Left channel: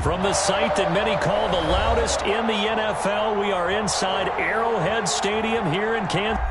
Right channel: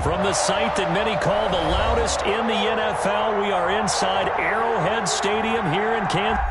From the site that many call the loudest in the NFL, we are inside Arrowhead Stadium here in Kansas.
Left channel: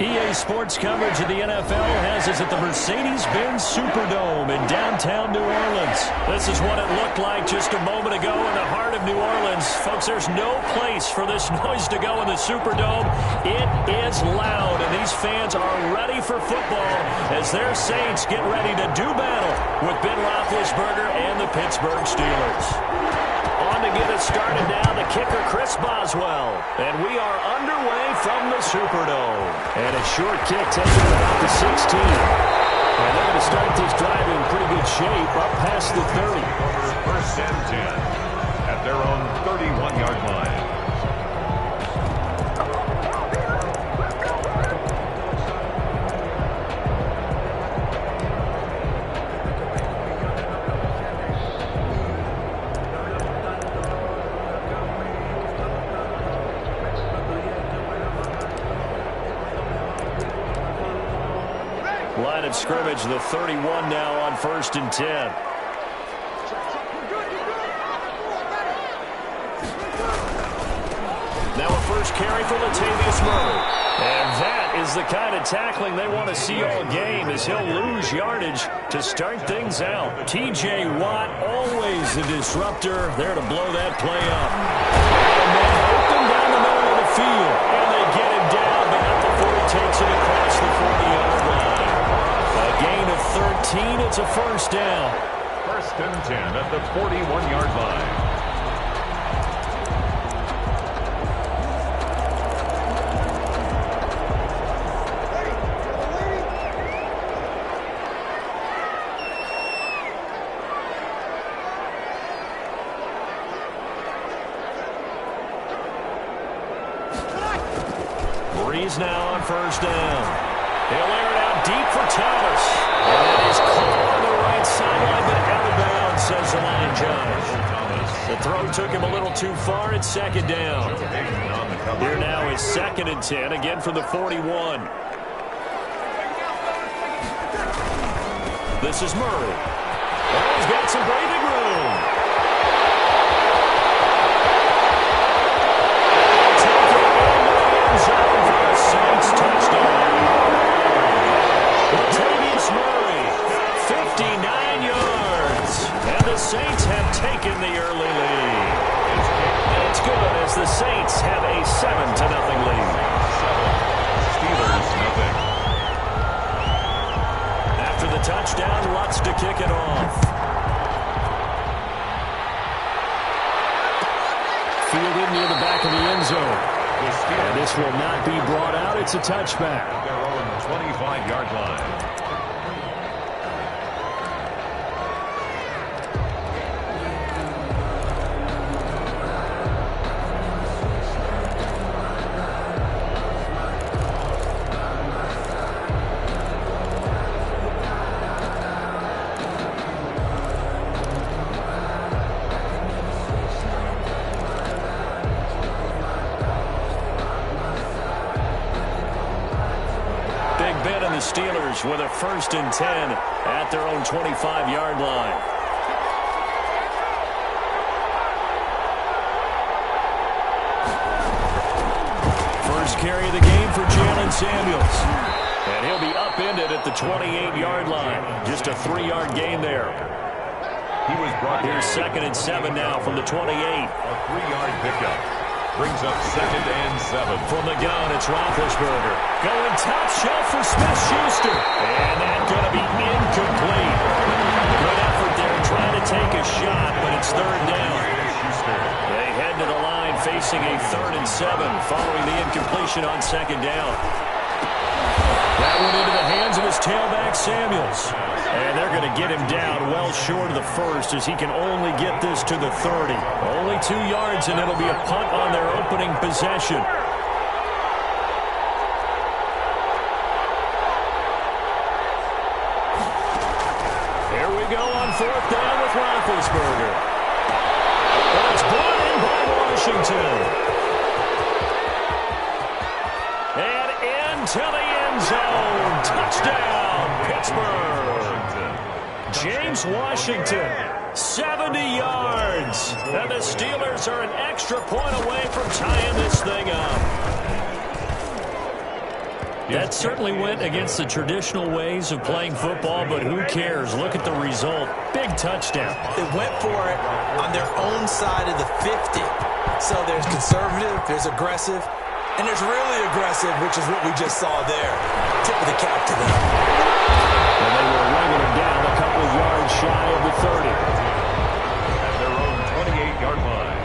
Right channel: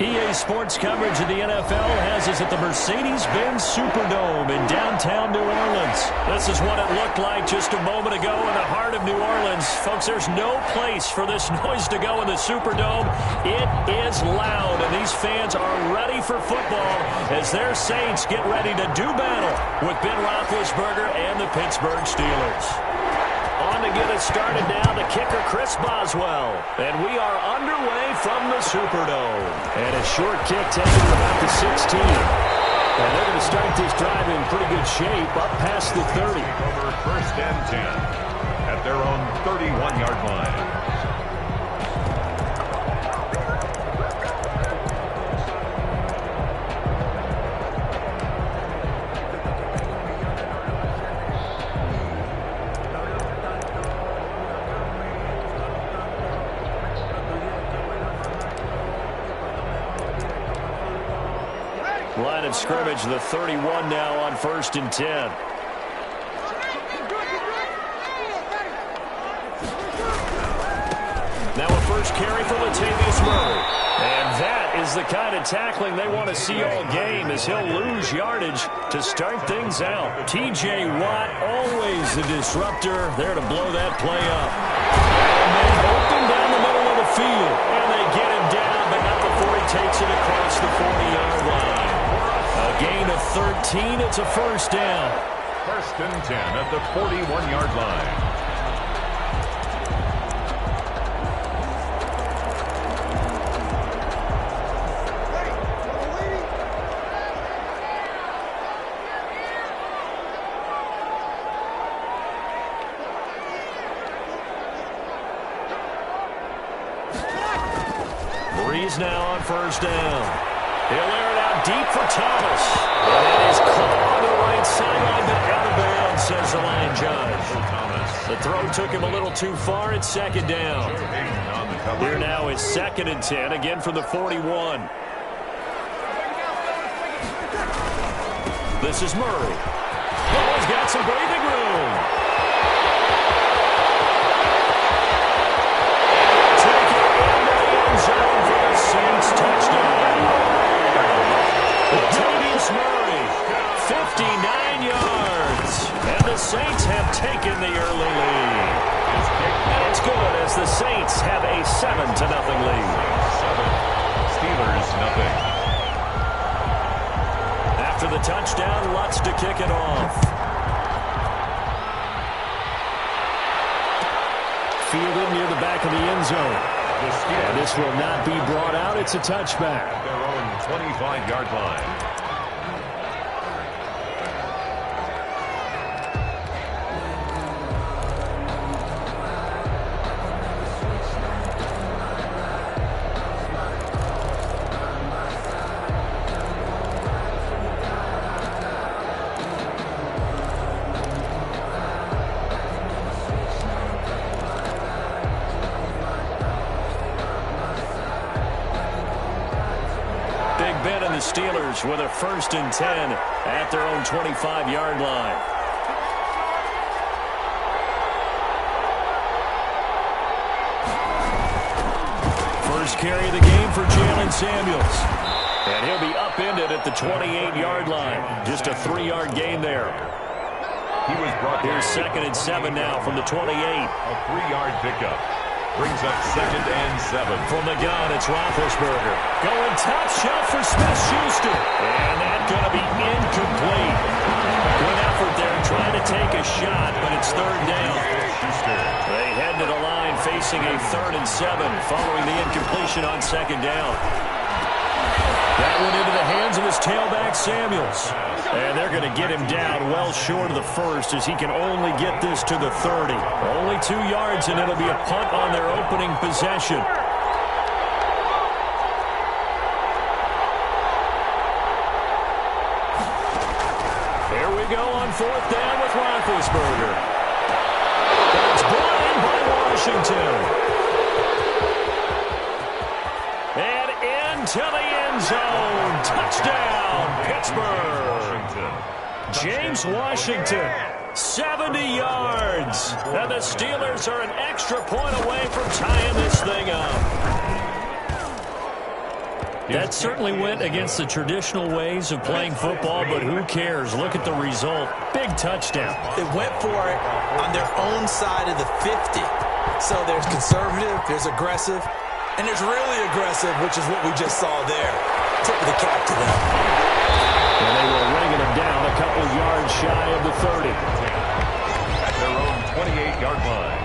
EA Sports coverage of the NFL has us at the Mercedes-Benz Superdome in downtown New Orleans. This is what it looked like just a moment ago in the heart of New Orleans. Folks, there's no place for this noise to go in the Superdome. It is loud, and these fans are ready for football as their Saints get ready to do battle with Ben Roethlisberger and the Pittsburgh Steelers. On to get it started now, the kicker, Chris Boswell. And we are underway from the Superdome. And a short kick taken at about the 16. And they're going to start this drive in pretty good shape, up past the 30. Over 1st and 10 at their own 31-yard line. Line of scrimmage, the 31 now on 1st and 10. Now a first carry for Latavius Murray. And that is the kind of tackling they want to see all game as he'll lose yardage to start things out. T.J. Watt, always the disruptor, there to blow that play up. And then open down the middle of the field. And they get him down, but not before he takes it across the 40-yard line. A gain of 13. It's a first down. 1st and 10 at the 41-yard line. Breeze now on 1st down. He'll air it out deep for Thomas. And it is caught on the right sideline, but out of bounds, says the line judge. The throw took him a little too far. It's 2nd down. Here now is 2nd and 10, again from the 41. This is Murray. Oh, he's got some breathing room. And he'll take it into the end zone for the Saints touchdown. Latavius Murray, 59 yards. And the Saints have taken the early lead. And it's good as the Saints have a 7-0 lead. 7. Steelers, nothing. After the touchdown, Lutz to kick it off. Fielded near the back of the end zone. And this will not be brought out. It's a touchback. At their own 25-yard line. Ben and the Steelers with a 1st and 10 at their own 25-yard line. First carry of the game for Jalen Samuels. And he'll be upended at the 28-yard line. Just a 3-yard gain there. He was brought down. Here's 2nd and 7 now from the 28. A 3-yard pickup. Brings up 2nd and 7. From the gun, it's Roethlisberger. Going top shelf for Smith-Schuster. And that's going to be incomplete. Good effort there trying to take a shot, but it's 3rd down. They head to the line facing a 3rd and 7 following the incompletion on 2nd down. That went into the hands of his tailback, Samuels. And they're going to get him down well short of the 1st as he can only get this to the 30. Only 2 yards, and it'll be a punt on their opening possession. Here we go on 4th down with Roethlisberger. That's brought in by Washington. And into the end zone. Touchdown, Pittsburgh. James Washington, 70 yards. And the Steelers are an extra point away from tying this thing up. That certainly went against the traditional ways of playing football, but who cares? Look at the result. Big touchdown. They went for it on their own side of the 50. So there's conservative, there's aggressive, and there's really aggressive, which is what we just saw there. Tip of the cap to them. And they were ringing them down a couple yards shy of the 30. At their own 28-yard line.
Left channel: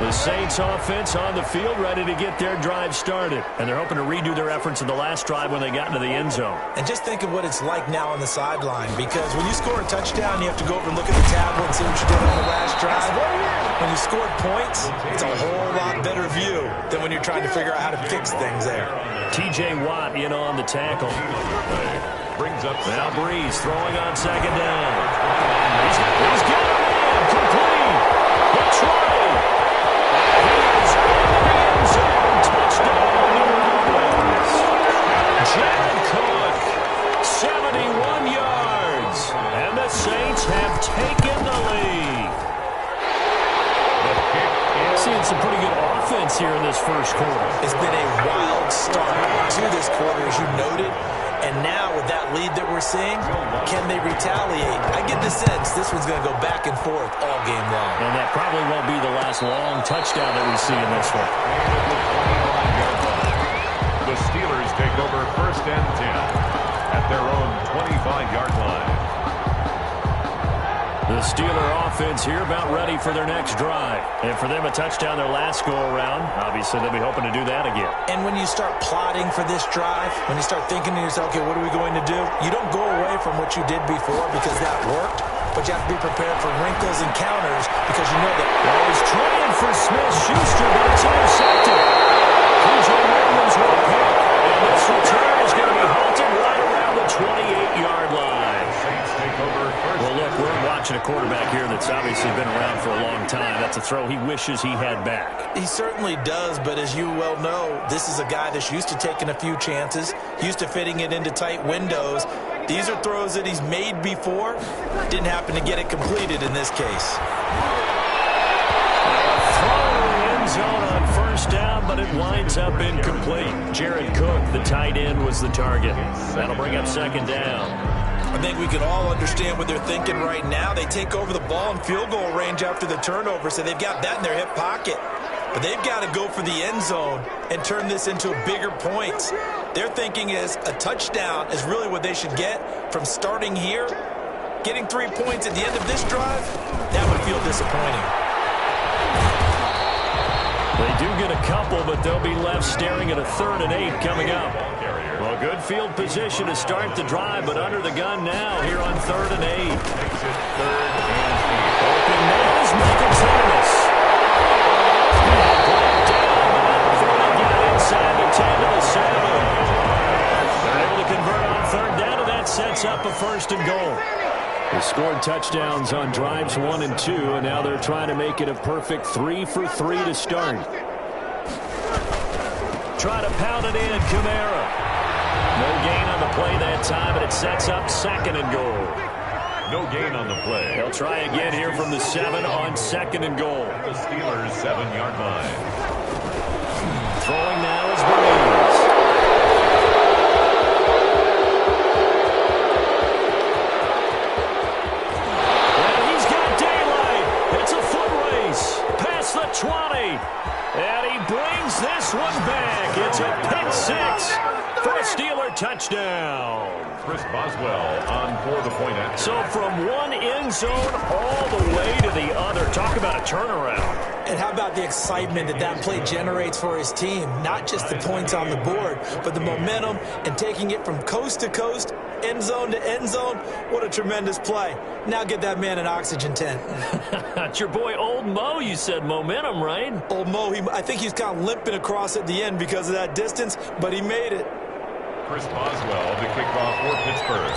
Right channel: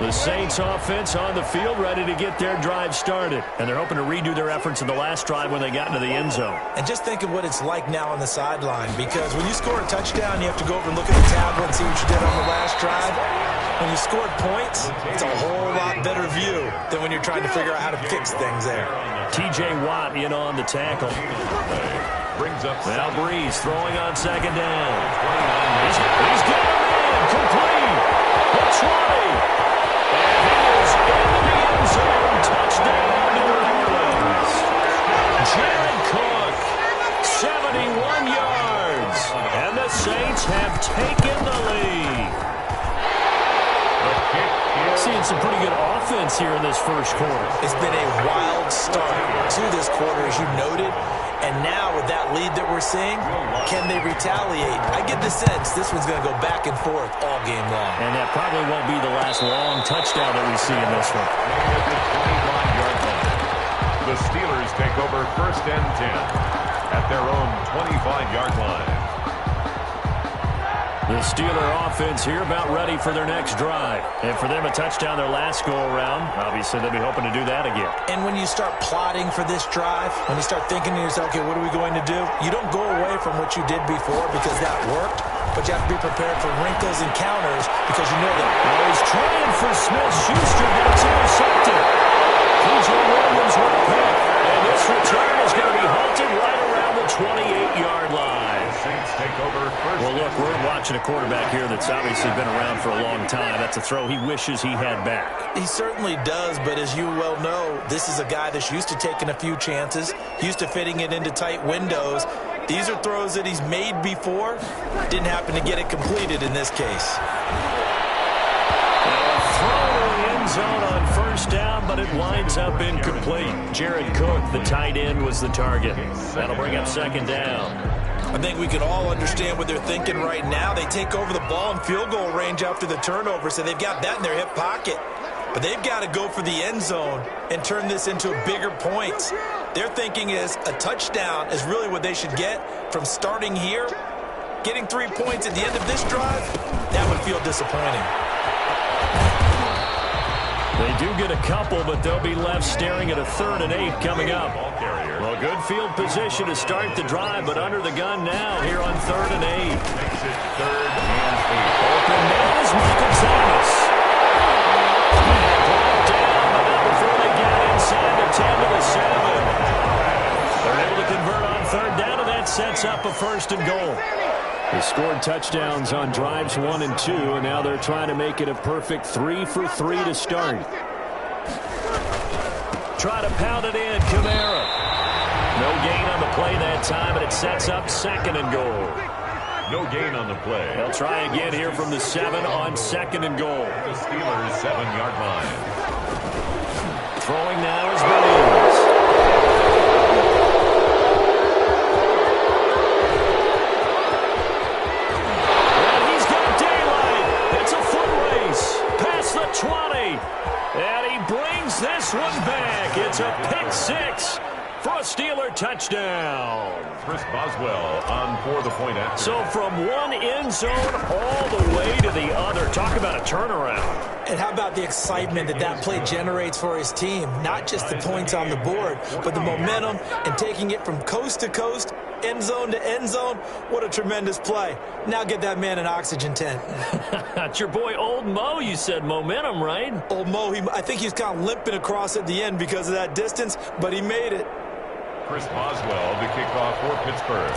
The Saints offense on the field ready to get their drive started. And they're hoping to redo their efforts in the last drive when they got into the end zone. And just think of what it's like now on the sideline, because when you score a touchdown, you have to go over and look at the tablet and see what you did on the last drive. When you scored points, it's a whole lot better view than when you're trying to figure out how to fix things there. T.J. Watt in on the tackle. Brings up now Breeze throwing on 2nd down. He's got a man complete. The 20. And he is into the end zone. Touchdown, New Orleans. Jared Cook, 71 yards. And the Saints have taken the lead. Seeing some pretty good offense here in this first quarter. It's been a wild start to this quarter, as you noted. And now with that lead that we're seeing, can they retaliate? I get the sense this one's going to go back and forth all game long. And that probably won't be the last long touchdown that we see in this one. The Steelers take over 1st and 10 at their own 25-yard line. The Steeler offense here about ready for their next drive. And for them, a touchdown their last go-around. Obviously, they'll be hoping to do that again. And when you start plotting for this drive, when you start thinking to yourself, okay, what are we going to do? You don't go away from what you did before because that worked, but you have to be prepared for wrinkles and counters because you know that. Now he's trying for Smith-Schuster, but it's intercepted. P.J. Williams with a pick. And this return is going to be halted right around the 28-yard line. Saints take over 1st. Well, look, we're watching a quarterback here that's obviously been around for a long time. That's a throw he wishes he had back. He certainly does, but as you well know, this is a guy that's used to taking a few chances, used to fitting it into tight windows. These are throws that he's made before. Didn't happen to get it completed in this case. Throw to the end zone on 1st down, but it winds up incomplete. Jared Cook, the tight end, was the target. That'll bring up 2nd down. I think we can all understand what they're thinking right now. They take over the ball in field goal range after the turnover, so they've got that in their hip pocket. But they've got to go for the end zone and turn this into bigger points. Their thinking is a touchdown is really what they should get from starting here. Getting 3 points at the end of this drive, that would feel disappointing. They do get a couple, but they'll be left staring at a 3rd and 8 coming up. Well, good field position to start the drive, but under the gun now here on 3rd and 8. Makes it 3rd and 8. Open man is Michael Thomas. And brought down, but not before they get it inside the 10 to the 7. They're able to convert on 3rd down, and that sets up a 1st and goal. They scored touchdowns on drives 1 and 2, and now they're trying to make it a perfect 3 for 3 to start. Try to pound it in, Kamara. No gain on the play that time, but it sets up 2nd and goal. No gain on the play. They'll try again here from the 7 on 2nd and goal. The Steelers' 7-yard line. Throwing now is Breeze. this one back. It's a pick six for a Steeler touchdown. Chris Boswell on for the point after. So from one end zone all the way to the other. Talk about a turnaround. And how about the excitement that that play generates for his team? Not just the points on the board, but the momentum and taking it from coast to coast, end zone to end zone. What a tremendous play. Now get that man an oxygen tent. It's your boy Old Mo. You said momentum, right? Old Mo, I think he's kind of limping across at the end because of that distance, but he made it. Chris Boswell to kick off for Pittsburgh.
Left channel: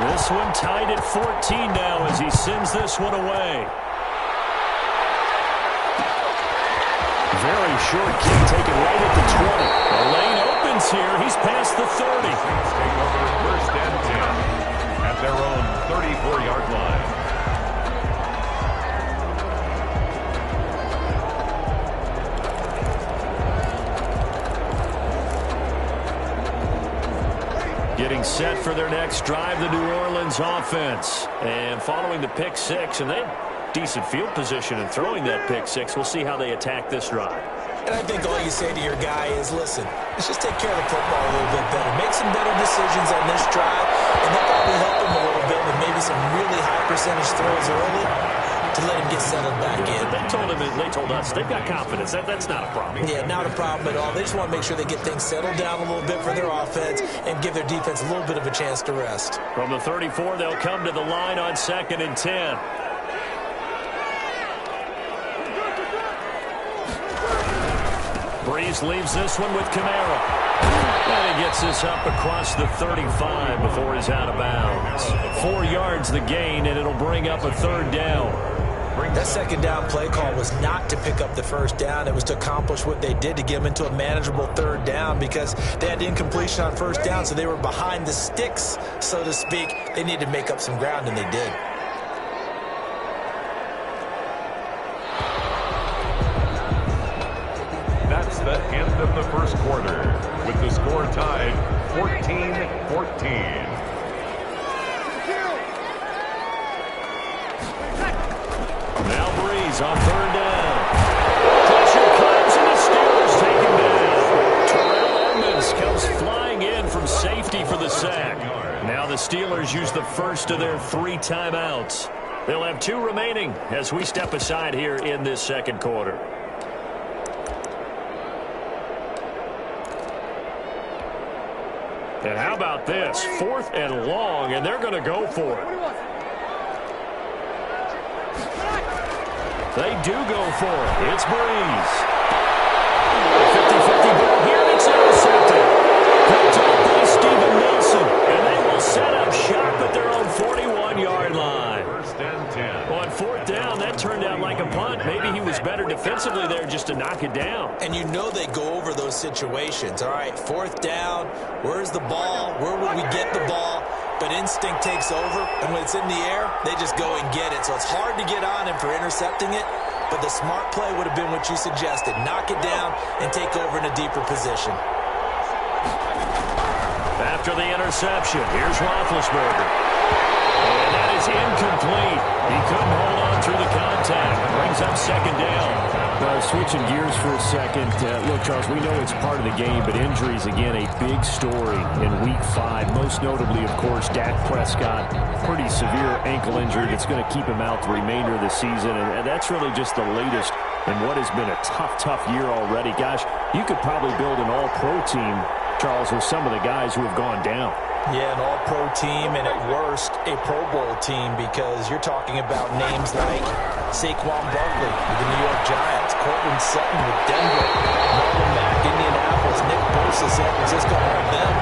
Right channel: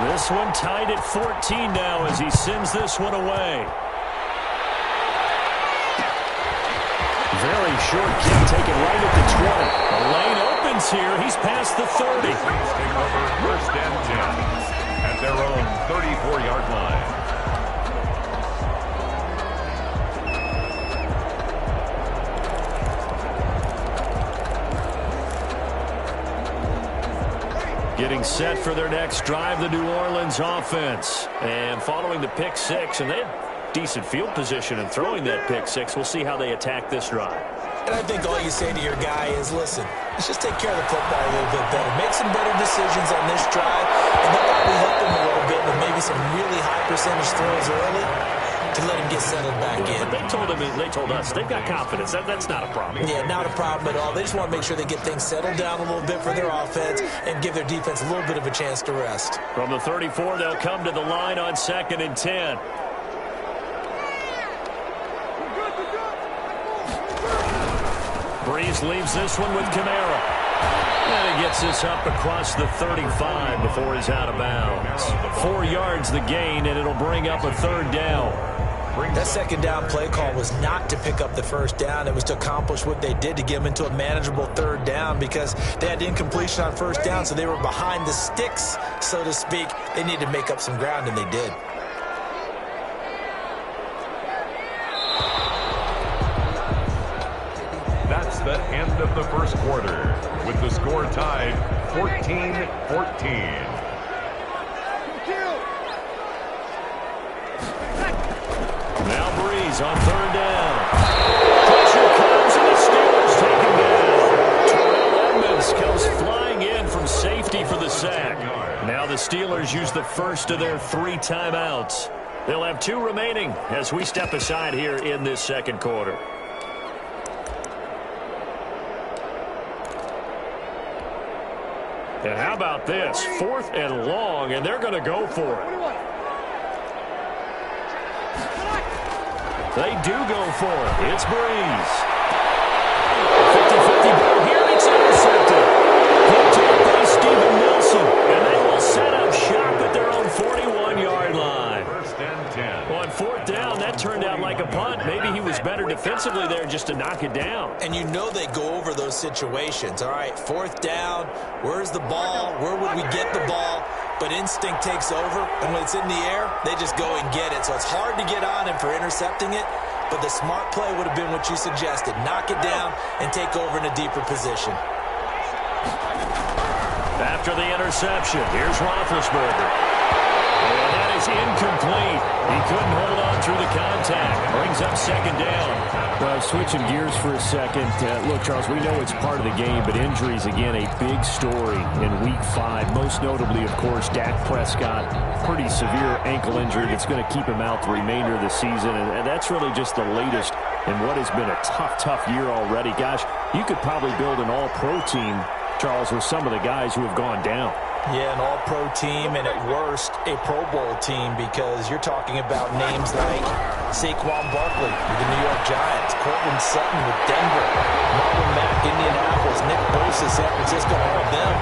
This one tied at 14 now as he sends this one away. Very short kick taken right at the 20. The lane opens here. He's past the 30. Saints take over first and 10 at their own 34-yard line. Getting set for their next drive, the New Orleans offense. And following the pick six, and they had decent field position in throwing that pick six. We'll see how they attack this drive. And I think all you say to your guy is, listen, let's just take care of the football a little bit better. Make some better decisions on this drive, and they'll probably help him a little bit with maybe some really high percentage throws early to let him get settled back in. But they told us they've got confidence. That's not a problem. Yeah, not a problem at all. They just want to make sure they get things settled down a little bit for their offense and give their defense a little bit of a chance to rest. From the 34, they'll come to the line on 2nd and 10. Breeze leaves this one with Kamara. And he gets this up across the 35 before he's out of bounds. 4 yards the gain, and it'll bring up a 3rd down. That 2nd down play call was not to pick up the 1st down. It was to accomplish what they did to get them into a manageable 3rd down because they had incompletion on 1st down, so they were behind the sticks, so to speak. They needed to make up some ground, and they did. That's the end of the first quarter, with the score tied 14-14. Now Breeze on 3rd down. Pressure comes, and the Steelers take him down. Terrell Edmunds comes flying in from safety for the sack. Now the Steelers use the first of their 3 timeouts. They'll have 2 remaining as we step aside here in this 2nd quarter. And how about this? 4th and long, and they're going to go for it. They do go for it. It's Breeze. 50-50 ball here, and it's intercepted. Picked up by Steven Nelson, and they will set up shop at their own 41-yard line. 1st and 10. On 4th down, that turned out like a punt. Maybe he was better defensively there just to knock it down. And you know they go over those situations. All right, 4th down, where's the ball? Where would we get the ball? But instinct takes over, and when it's in the air, they just go and get it. So it's hard to get on him for intercepting it, but the smart play would have been what you suggested. Knock it down and take over in a deeper position. After the interception, here's Roethlisberger. And that is incomplete. He couldn't hold on through the contact. Brings up 2nd down. Well, switching gears for a second. Look, Charles, we know it's part of the game, but injuries, again, a big story in Week 5. Most notably, of course, Dak Prescott. Pretty severe ankle injury that's going to keep him out the remainder of the season. And that's really just the latest in what has been a tough year already. Gosh, you could probably build an all-pro team, Charles, with some of the guys who have gone down. Yeah, an all-pro team, and at worst, a Pro Bowl team, because you're talking about names like Saquon Barkley with the New York Giants, Cortland Sutton with Denver, Marlon Mack, Indianapolis, Nick Bosa, San Francisco, all of them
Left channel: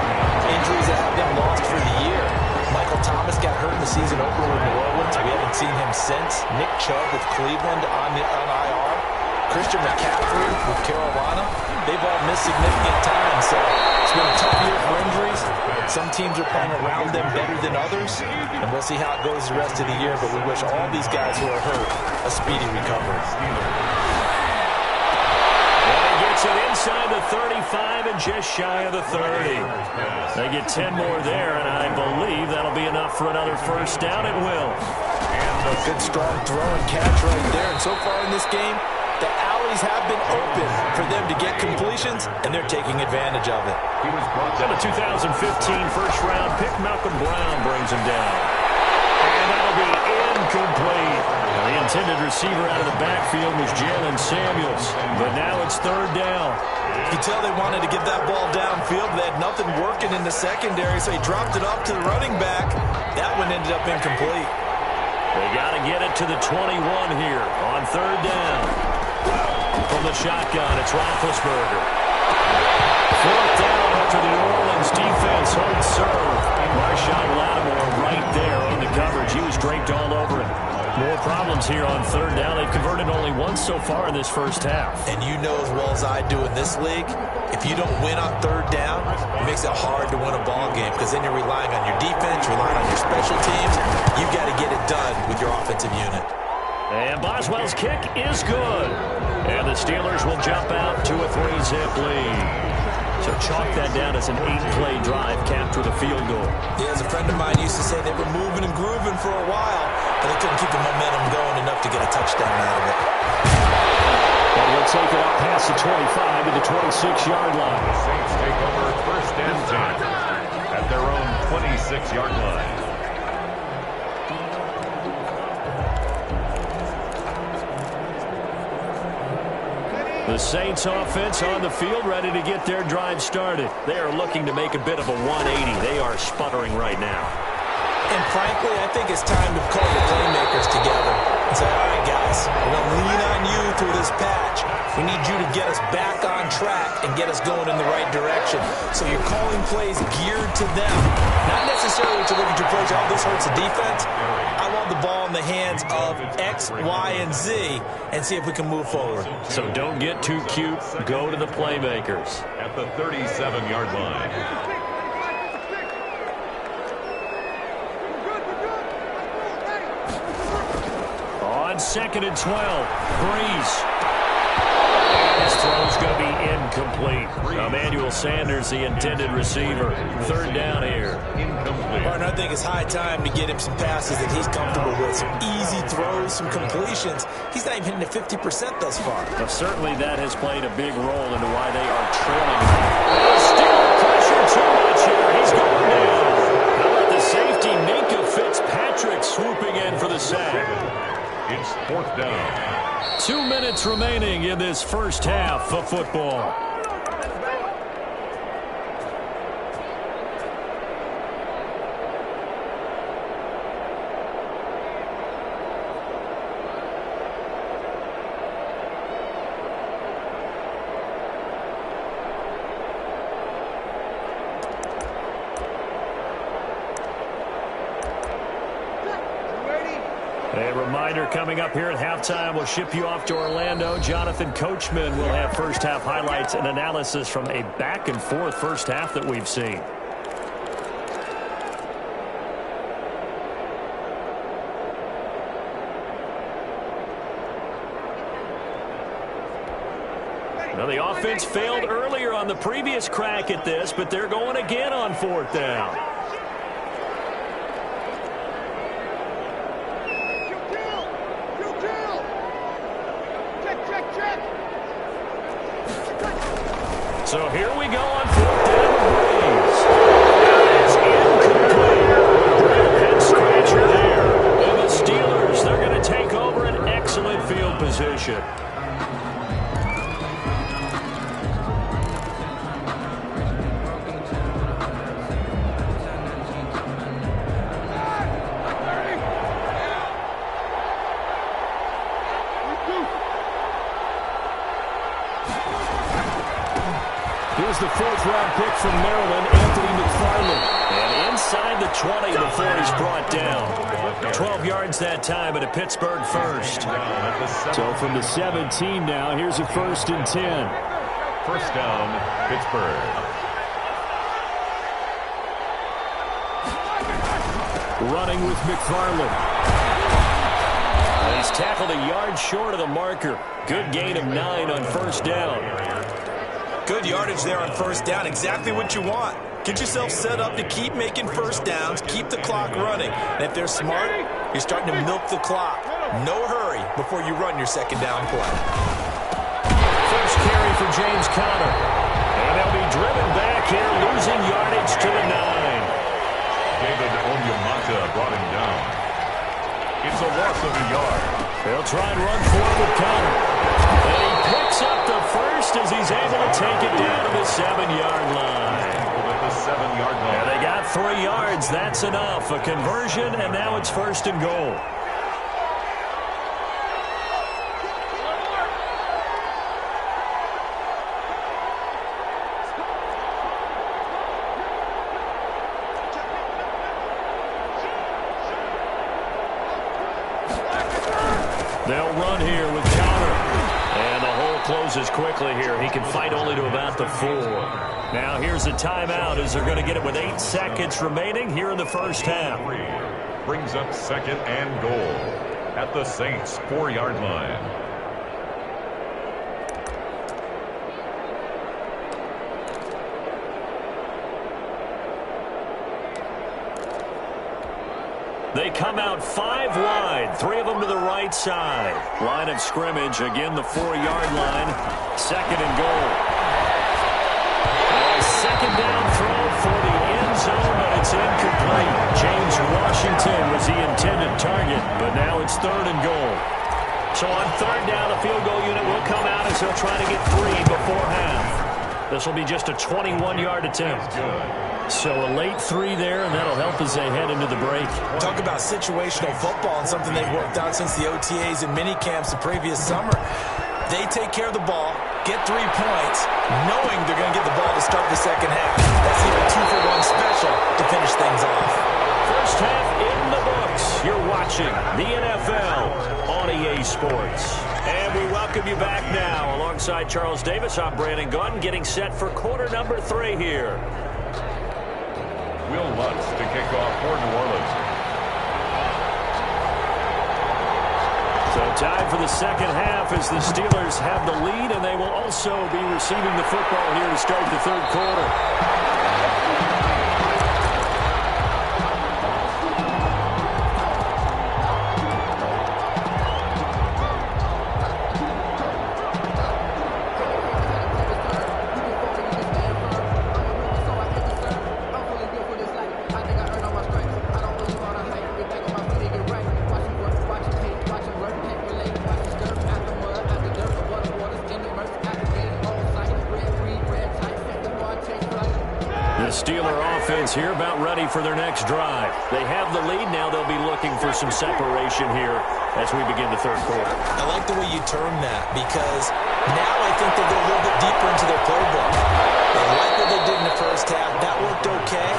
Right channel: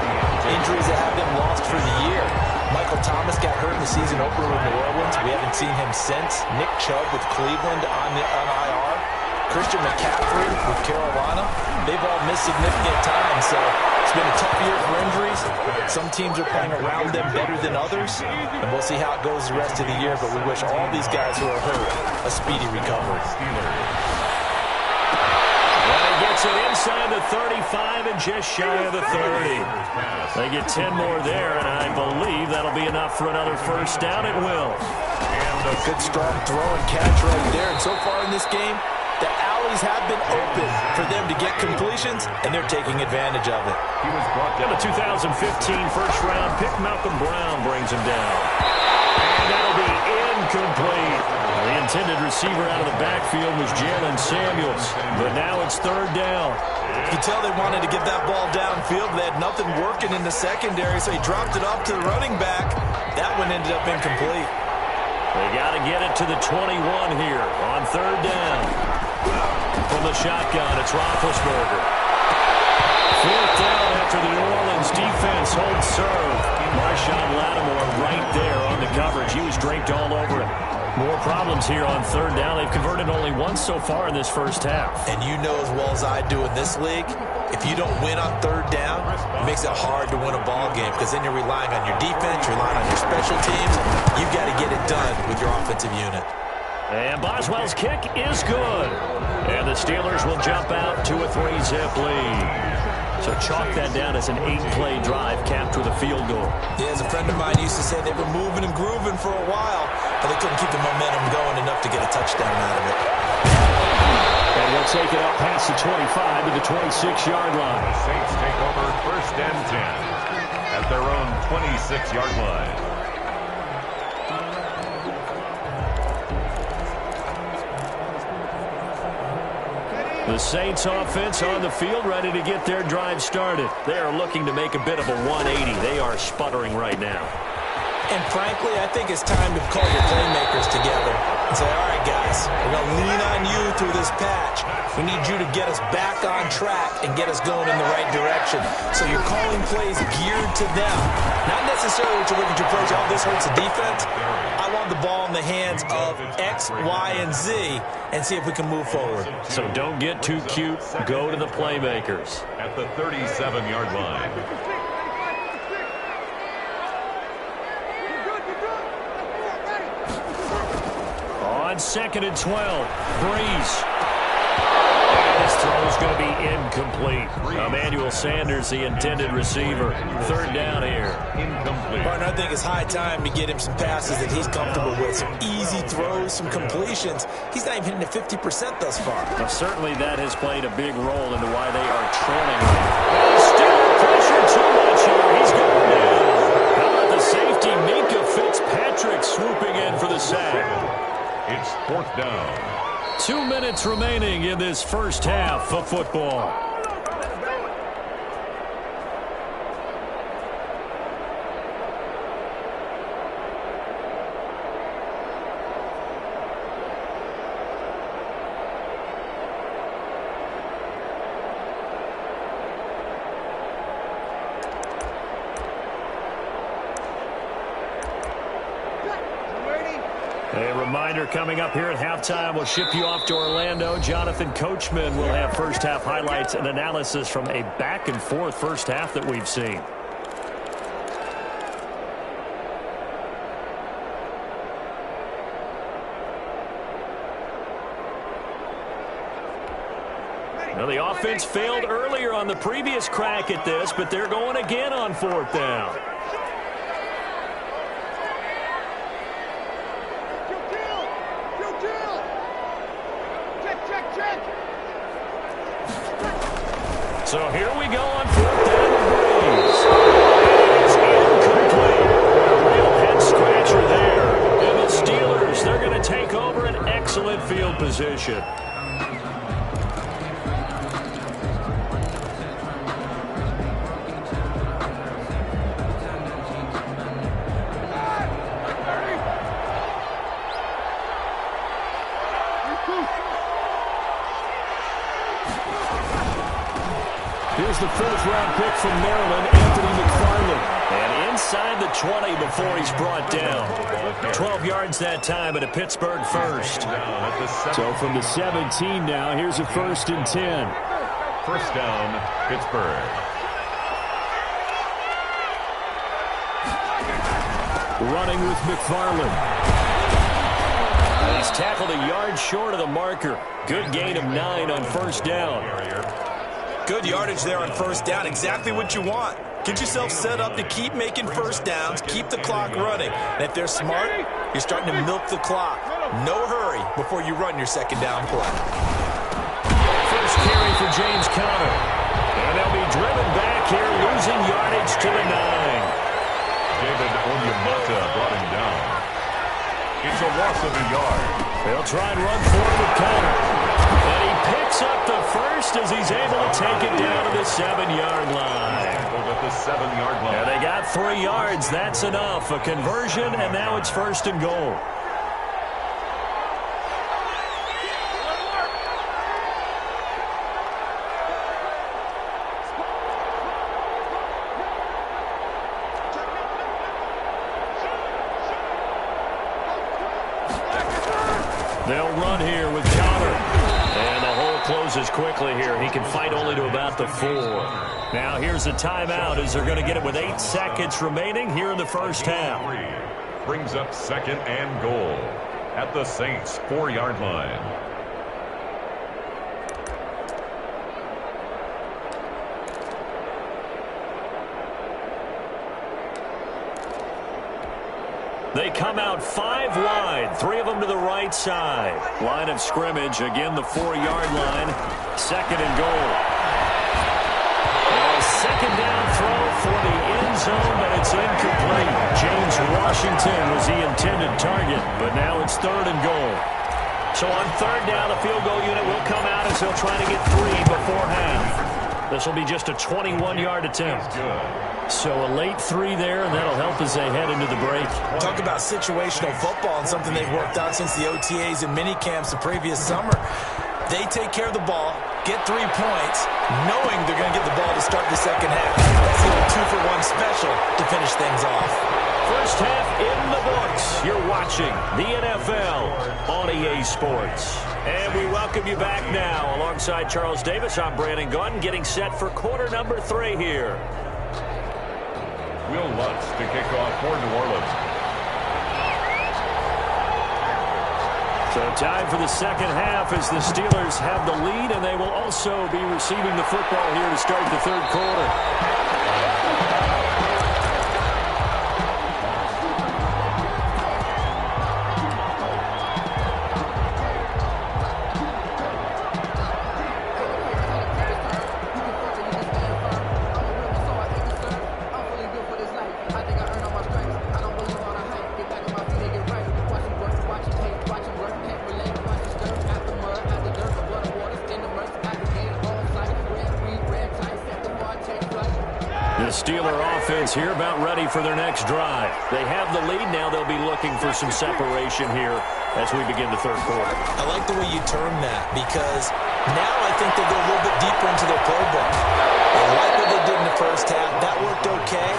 injuries that have them lost for the year. Michael Thomas got hurt in the season opener with New Orleans. We haven't seen him since. Nick Chubb with Cleveland on IR. Christian McCaffrey with Carolina. They've all missed significant time, so it's been a tough year for injuries. Some teams are playing around them better than others, and we'll see how it goes the rest of the year, but we wish all these guys who are hurt a speedy recovery. And he gets it inside the 35 and just shy of the 30. They get 10 more there, and I believe that'll be enough for another 1st down. It will. And a good strong throw and catch right there, and so far in this game, the alleys have been open for them to get completions, and they're taking advantage of it. He was brought And down. the 2015 first-round pick, Malcolm Brown, brings him down. And that'll be incomplete. Now, the intended receiver out of the backfield was Jalen Samuels. But now it's third down. You can tell they wanted to get that ball downfield, but they had nothing working in the secondary, so he dropped it off to the running back. That one ended up incomplete. They got to get it to the 21 here on third down. From the shotgun, it's Roethlisberger. Fourth down after the New Orleans defense holds serve. Marshawn Lattimore right there on the coverage. He was draped all over it. More problems here on third down. They've converted only once so far in this first half. And you know as well as I do in this league, if you don't win on third down, it makes it hard to win a ball game because then you're relying on your defense, you're relying on your special teams. You've got to get it done with your offensive unit. And Boswell's kick is good. And the Steelers will jump out to a 3-zip lead. So chalk that down as an 8-play drive capped with a field goal. Yeah, as a friend of mine used to say, they were moving and grooving for a while, but they couldn't keep the momentum going enough to get a touchdown out of it. And he'll take it up past the 25 to the 26-yard line. The Saints take over first and 10 at their own 26-yard line. The Saints offense on the field ready to get their drive started. They are looking to make a bit of a 180. They are sputtering right now. And frankly, I think it's time to call your playmakers together and say, all right, guys, we're going to lean on you through this patch. We need you to get us back on track and get us going in the right direction. So you're calling plays geared to them. Not necessarily to look at your plays, oh, this hurts the defense. I want the ball in the hands of X, Y, and Z and see if we can move forward. So don't get too cute. Go to the playmakers. At the 37-yard line. On second and 12, Breeze. And his throw's going to be incomplete. Emmanuel Sanders, the intended receiver. Third down here. Incomplete. Partner, I think it's high time to get him some passes that he's comfortable with. Some easy throws, some completions. He's not even hitting at 50% thus far. Now, certainly that has played a big role into why they are trailing. And still pressure too much here. He's going down. How about the safety, Minka Fitzpatrick, swooping in for the sack. It's fourth down. 2 minutes remaining in this first half of football. A reminder coming up here at halftime, we'll ship you off to Orlando. Jonathan Coachman will have first half highlights and analysis from a back and forth first half that we've seen. Now the offense failed earlier on the previous crack at this, but they're going again on fourth down. So here we go on fourth down with Breeze. It's incomplete. A real head scratcher there. And the Steelers, they're going to take over an excellent field position. Here's the fourth-round pick from Maryland, Anthony McFarland. And inside the 20 before he's brought down. 12 yards that time at a Pittsburgh first. So from the 17 now, here's a first and 10. First down, Pittsburgh. Running with McFarland. And he's tackled a yard short of the marker. Good gain of 9 on first down. Good yardage there on first down. Exactly what you want. Get yourself set up to keep making first downs, keep the clock running. And if they're smart, you're starting to milk the clock. No hurry before you run your second down play. first carry for James Conner. And they'll be driven back here, losing yardage to the 9. David Onyemata brought him down. It's a loss of a yard. They'll try and run forward with Conner. And he picks up the first as he's able to take it down to the 7-yard line. At the 7-yard line. And they got 3 yards. That's enough. A conversion, and now it's first and goal. They'll run here with Conner. And the hole closes quickly here. He can fight only to about the 4. Now here's a timeout as they're going to get it with 8 seconds remaining here in the first half. Brings up second and goal at the Saints' 4-yard line. They come out 5 wide, 3 of them to the right side. Line of scrimmage, again the 4-yard line. Second and goal. A second down throw for the end zone, but it's incomplete. James Washington was the intended target, but now it's third and goal. So on third down, the field goal unit will come out as they'll try to get 3 before half. This will be just a 21-yard attempt. So a late 3 there, and that'll help as they head into the break. Talk about situational football and something they've worked out since the OTAs and mini camps the previous summer. They take care of the ball, get 3 points, knowing they're going to get the ball to start the second half. That's even 2-for-1 special to finish things off. First half in the books. You're watching the NFL on EA Sports. And we welcome you back now. Alongside Charles Davis, I'm Brandon Gaudin, getting set for quarter number 3 here. Will Lutz to kick off for New Orleans. So time for the second half as the Steelers have the lead, and they will also be receiving the football here to start the third quarter. The Steeler offense here about ready for their next drive. They have the lead. Now they'll be looking for some separation here as we begin the third quarter. I like the way you term that because now I think they go a little bit deeper into their playbook. They like what they did in the first half. That worked okay.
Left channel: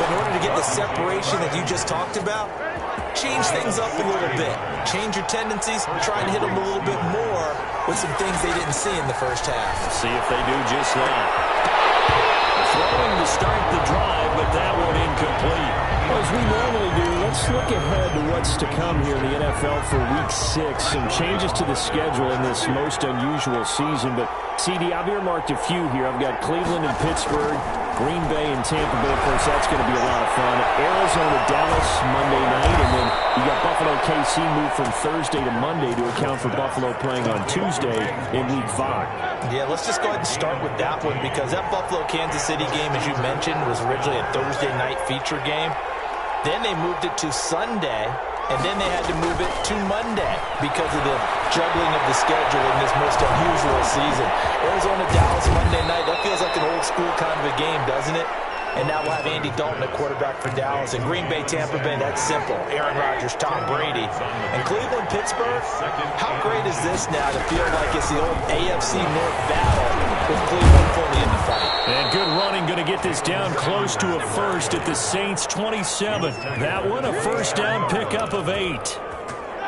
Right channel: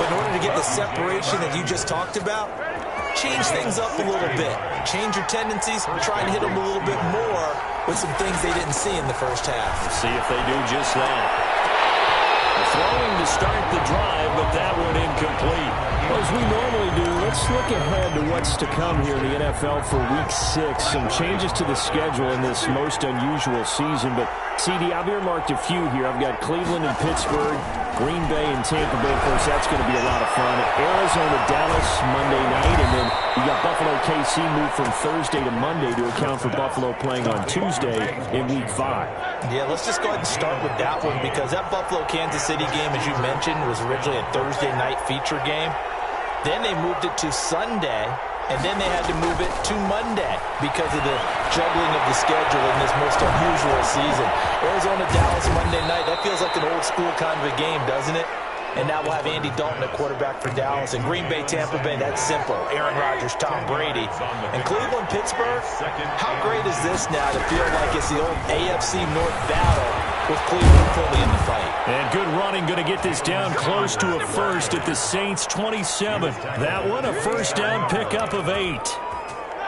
But in order to get the separation that you just talked about, change things up a little bit. Change your tendencies. Try and hit them a little bit more with some things they didn't see in the first half. We'll see if they do just that. Throwing to start the drive, but that one incomplete. Well, as we normally do, let's look ahead to what's to come here in the NFL for Week 6. Some changes to the schedule in this most unusual season. But, CD, I've earmarked a few here. I've got Cleveland and Pittsburgh, Green Bay and Tampa Bay. Of course, that's going to be a lot of fun. Arizona, Dallas, Monday night. And then you got Buffalo, KC moved from Thursday to Monday to account for Buffalo playing on Tuesday in Week 5. Yeah, let's just go ahead and start with that one because that Buffalo-Kansas City game, as you mentioned, was originally a Thursday night feature game. Then they moved it to Sunday, and then they had to move it to Monday because of the juggling of the schedule in this most unusual season. Arizona-Dallas Monday night, that feels like an old-school kind of a game, doesn't it? And now we'll have Andy Dalton at quarterback for Dallas. And Green Bay, Tampa Bay, that's simple. Aaron Rodgers, Tom Brady. And Cleveland, Pittsburgh, how great is this now to feel like it's the old AFC North battle with Cleveland fully in the fight? And good running, going to get this down close to a first at the Saints' 27. That one, a first down pickup of 8.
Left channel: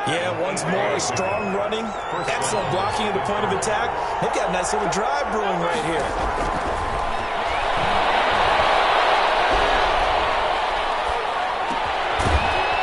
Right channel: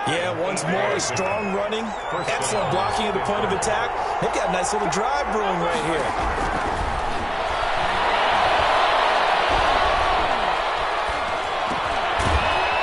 Yeah, once more, strong running, excellent blocking at the point of attack. They've got a nice little drive brewing right here.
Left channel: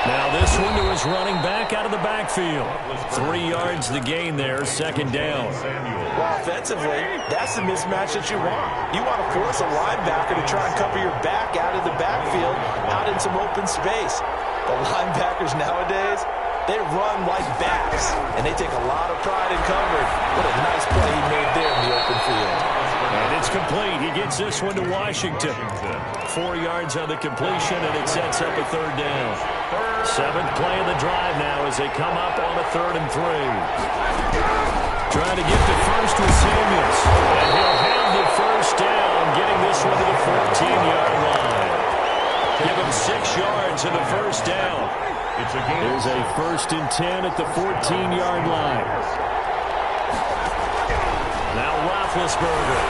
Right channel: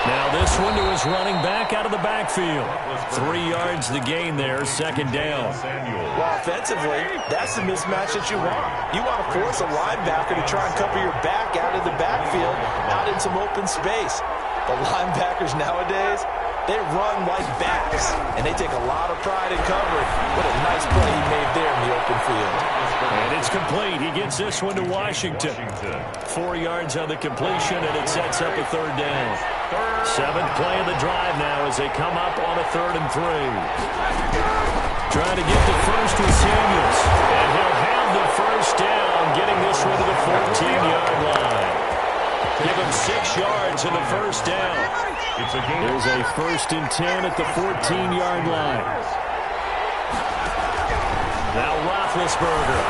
Now this one to his running back out of the backfield. 3 yards the gain there, second down. Well, offensively, that's the mismatch that you want. You want to force a linebacker to try and cover your back out of the backfield, out in some open space. The linebackers nowadays, They run like backs, and they take a lot of pride in covering. What a nice play he made there in the open field. And it's complete. He gets this one to Washington. 4 yards on the completion, and it sets up a third down. 7th play of the drive now as they come up on a 3rd and 3. Trying to get the first with Samuels. And he'll have the first down, getting this one to the 14-yard line. Give him 6 yards in the first down. There's a 1st and 10 at the 14-yard line. Now Roethlisberger.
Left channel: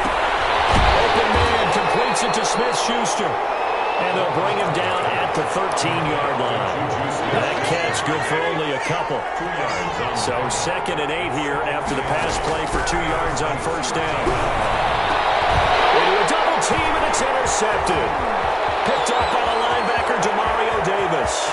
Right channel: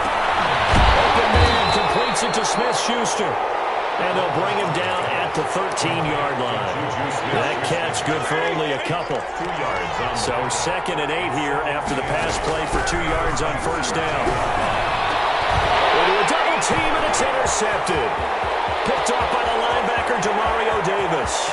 Open man completes it to Smith-Schuster. And they'll bring him down at the 13-yard line. That catch good for only a couple. So 2nd and 8 here after the pass play for 2 yards on first down. Into a double team, and it's intercepted. Picked off by the linebacker, Demario Davis.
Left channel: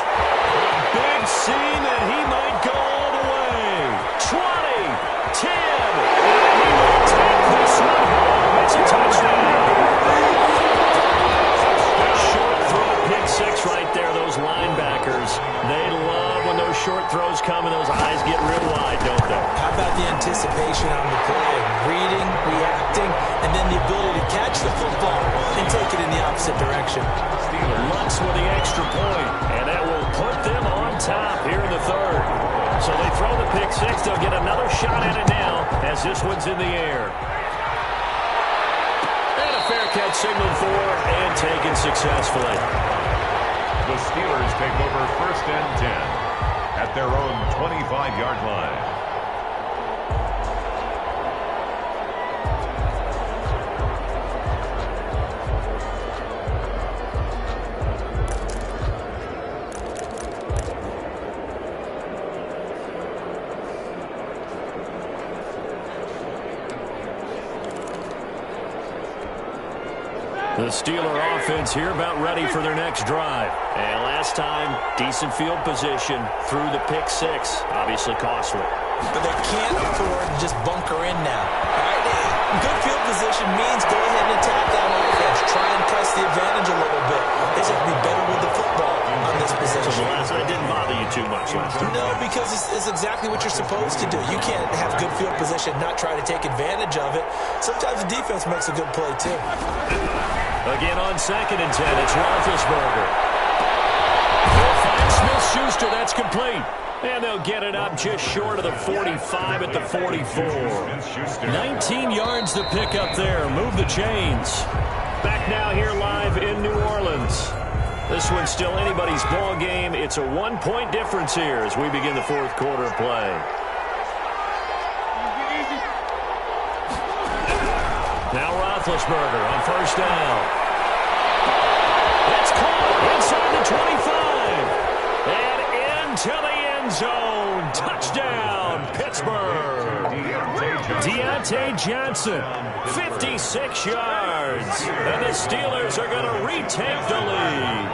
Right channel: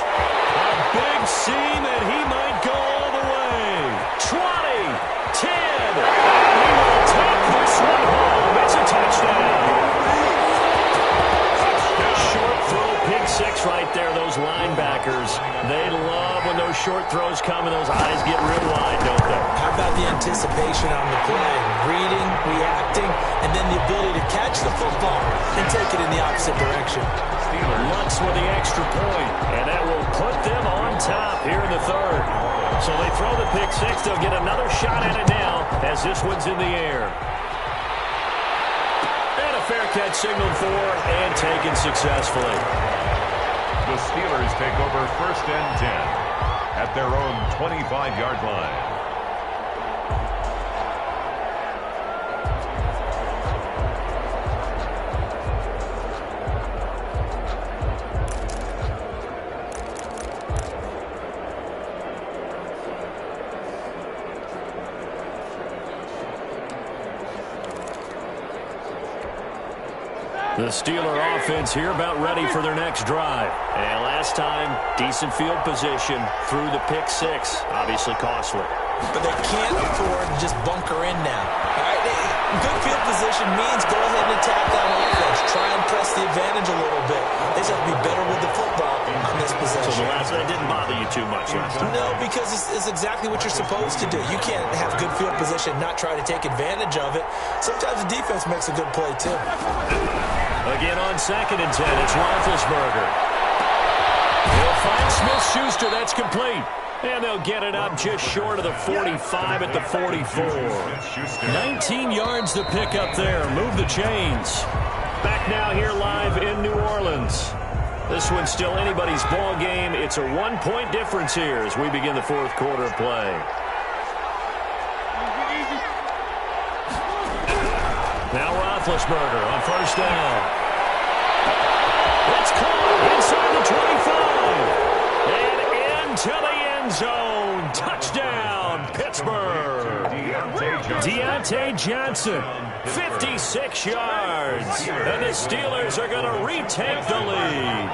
A big seam, and he might go all the way. 20, 10, and he will take this one home. It's a touchdown. Short throw, pick 6 right there. Those linebackers, they love when those short throws come and those eyes get real wide, don't they? How about the anticipation on the play? Reading, reacting, and then the ability to catch the football and take it in the opposite direction. Lutz with the extra point, and that will put them on top here in the 3rd. So they throw the pick 6. They'll get another shot at it now as this one's in the air. And a fair catch signaled for and taken successfully. The Steelers take over 1st and 10 at their own 25-yard line. The Steeler offense here about ready for their next drive. And last time, decent field position through the pick 6. Obviously costly. But they can't afford to just bunker in now. All right? Good field position means go ahead and attack that offense. Try and press the advantage a little bit. They just have to be better with the football on this possession. So the last one didn't bother you too much last time? No, because it's exactly what you're supposed to do. You can't have good field position, not try to take advantage of it. Sometimes the defense makes a good play, too. Again on 2nd and 10, it's Roethlisberger. He'll find Smith-Schuster. That's complete. And they'll get it up just short of the 45 at the 44. 19 yards to pick up there. Move the chains. Back now here live in New Orleans. This one's still anybody's ball game. It's a 1-point difference here as we begin the 4th quarter of play. Now Roethlisberger on first down. It's caught inside the 25. And into the end zone. Touchdown, Pittsburgh. Deontay Johnson, 56 yards. And the Steelers are going to retake the lead.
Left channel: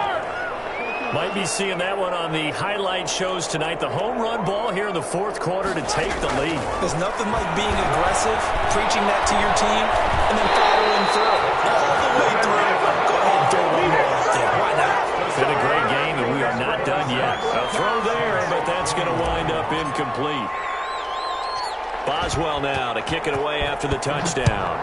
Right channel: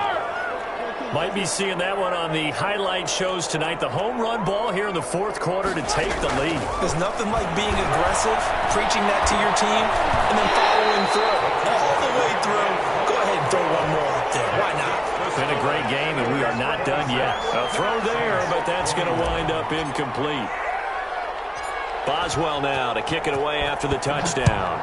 Might be seeing that one on the highlight shows tonight. The home run ball here in the 4th quarter to take the lead. There's nothing like being aggressive, preaching that to your team, and then following through. All the way through. Go ahead and throw one more up there. Why not? Been a great game, and we are not done yet. A throw there, but that's going to wind up incomplete. Boswell now to kick it away after the touchdown.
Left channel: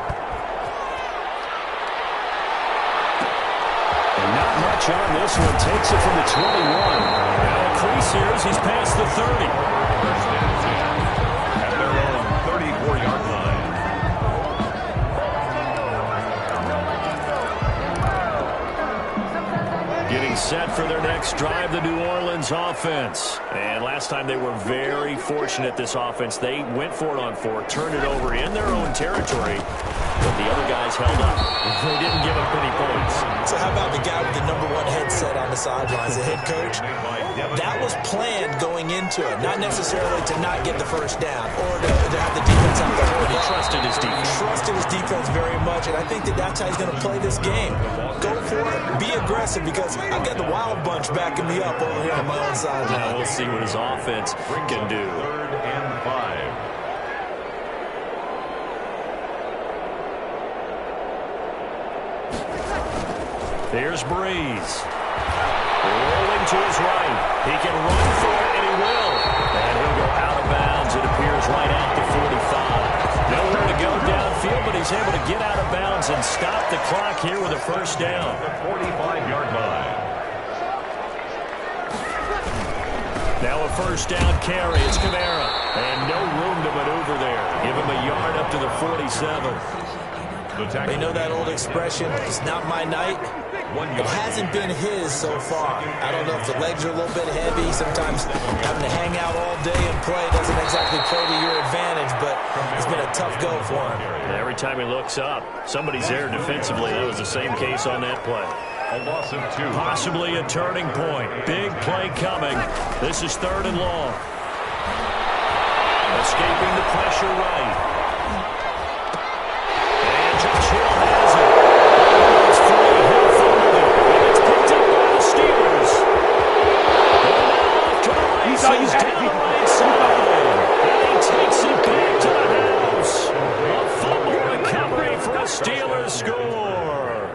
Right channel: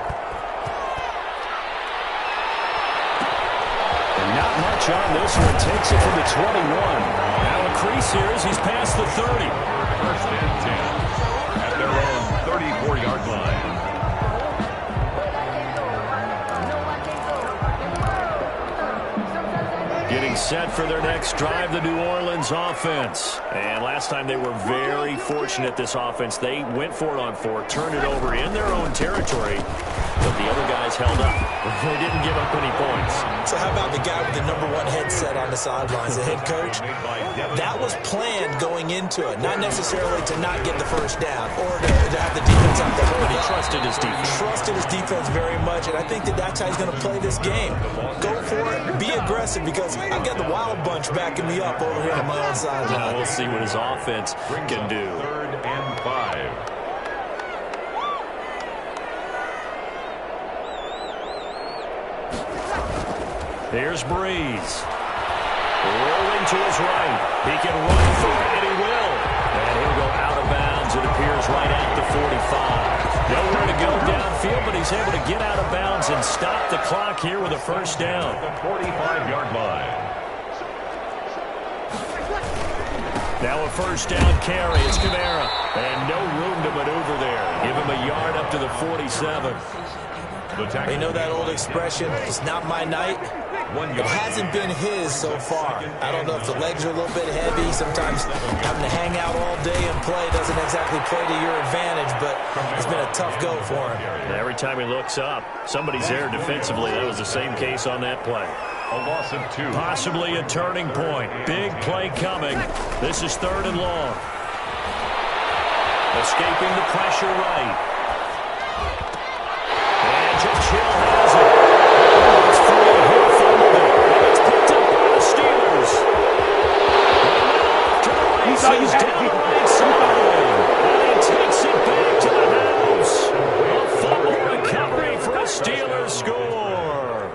And not much on this one. Takes it from the 21. Now a crease here as he's past the 30. 1st and 10 at their own 34-yard line. Getting set for their next drive, the New Orleans offense. And last time they were very fortunate, this offense. They went for it on 4, turned it over in their own territory, but the other guys held up. They didn't give up any points. So how about the guy with the #1 headset on the sidelines, the head coach? That was planned going into it, not necessarily to not get the first down or to have the defense out the But he trusted his defense. Trusted his defense very much, and I think that's how he's going to play this game. Go for it, be aggressive, because I've got the Wild Bunch backing me up over here on my own sideline. Now we'll see what his offense can do. 3rd and 5. Here's Breeze. Rolling to his right. He can run for it, and he will. And he'll go out of bounds, it appears, right at the 45. Nowhere to go downfield, but he's able to get out of bounds and stop the clock here with a first down. The 45-yard line. Now a first down carry. It's Kamara. And no room to maneuver there. Give him a yard up to the 47. They know that old expression, it's not my night. It hasn't been his so far. I don't know if the legs are a little bit heavy. Sometimes having to hang out all day and play doesn't exactly play to your advantage, but it's been a tough go for him. Every time he looks up, somebody's there defensively. That was the same case on that play. A loss of 2. Possibly a turning point. Big play coming. This is 3rd and long. Escaping the pressure right. And George Hill has it. It's free. Hill fumbled it. And it's picked up by the Steelers. And now off to the races down the right side. And he takes it back to the house. A fumble recovery for a Steelers score.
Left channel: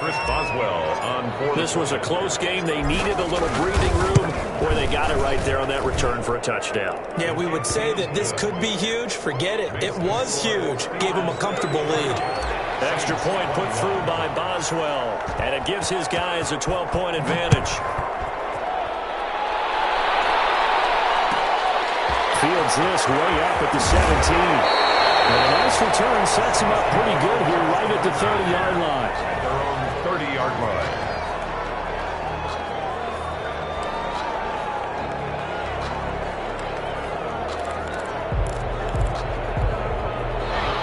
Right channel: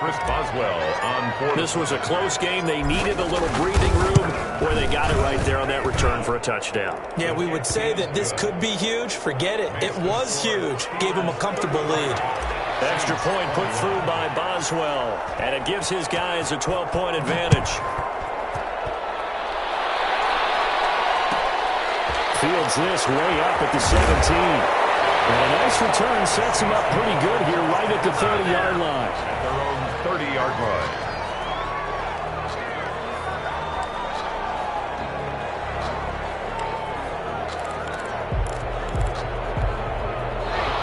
Chris Boswell on 4. This was a close game. They needed a little breathing room where they got it right there on that return for a touchdown. Yeah, we would say that this could be huge. Forget it. It was huge. Gave him a comfortable lead. Extra point put through by Boswell. And it gives his guys a 12-point advantage. Fields this way up at the 17. And a nice return sets him up pretty good here right at the 30-yard line. At their own 30-yard line.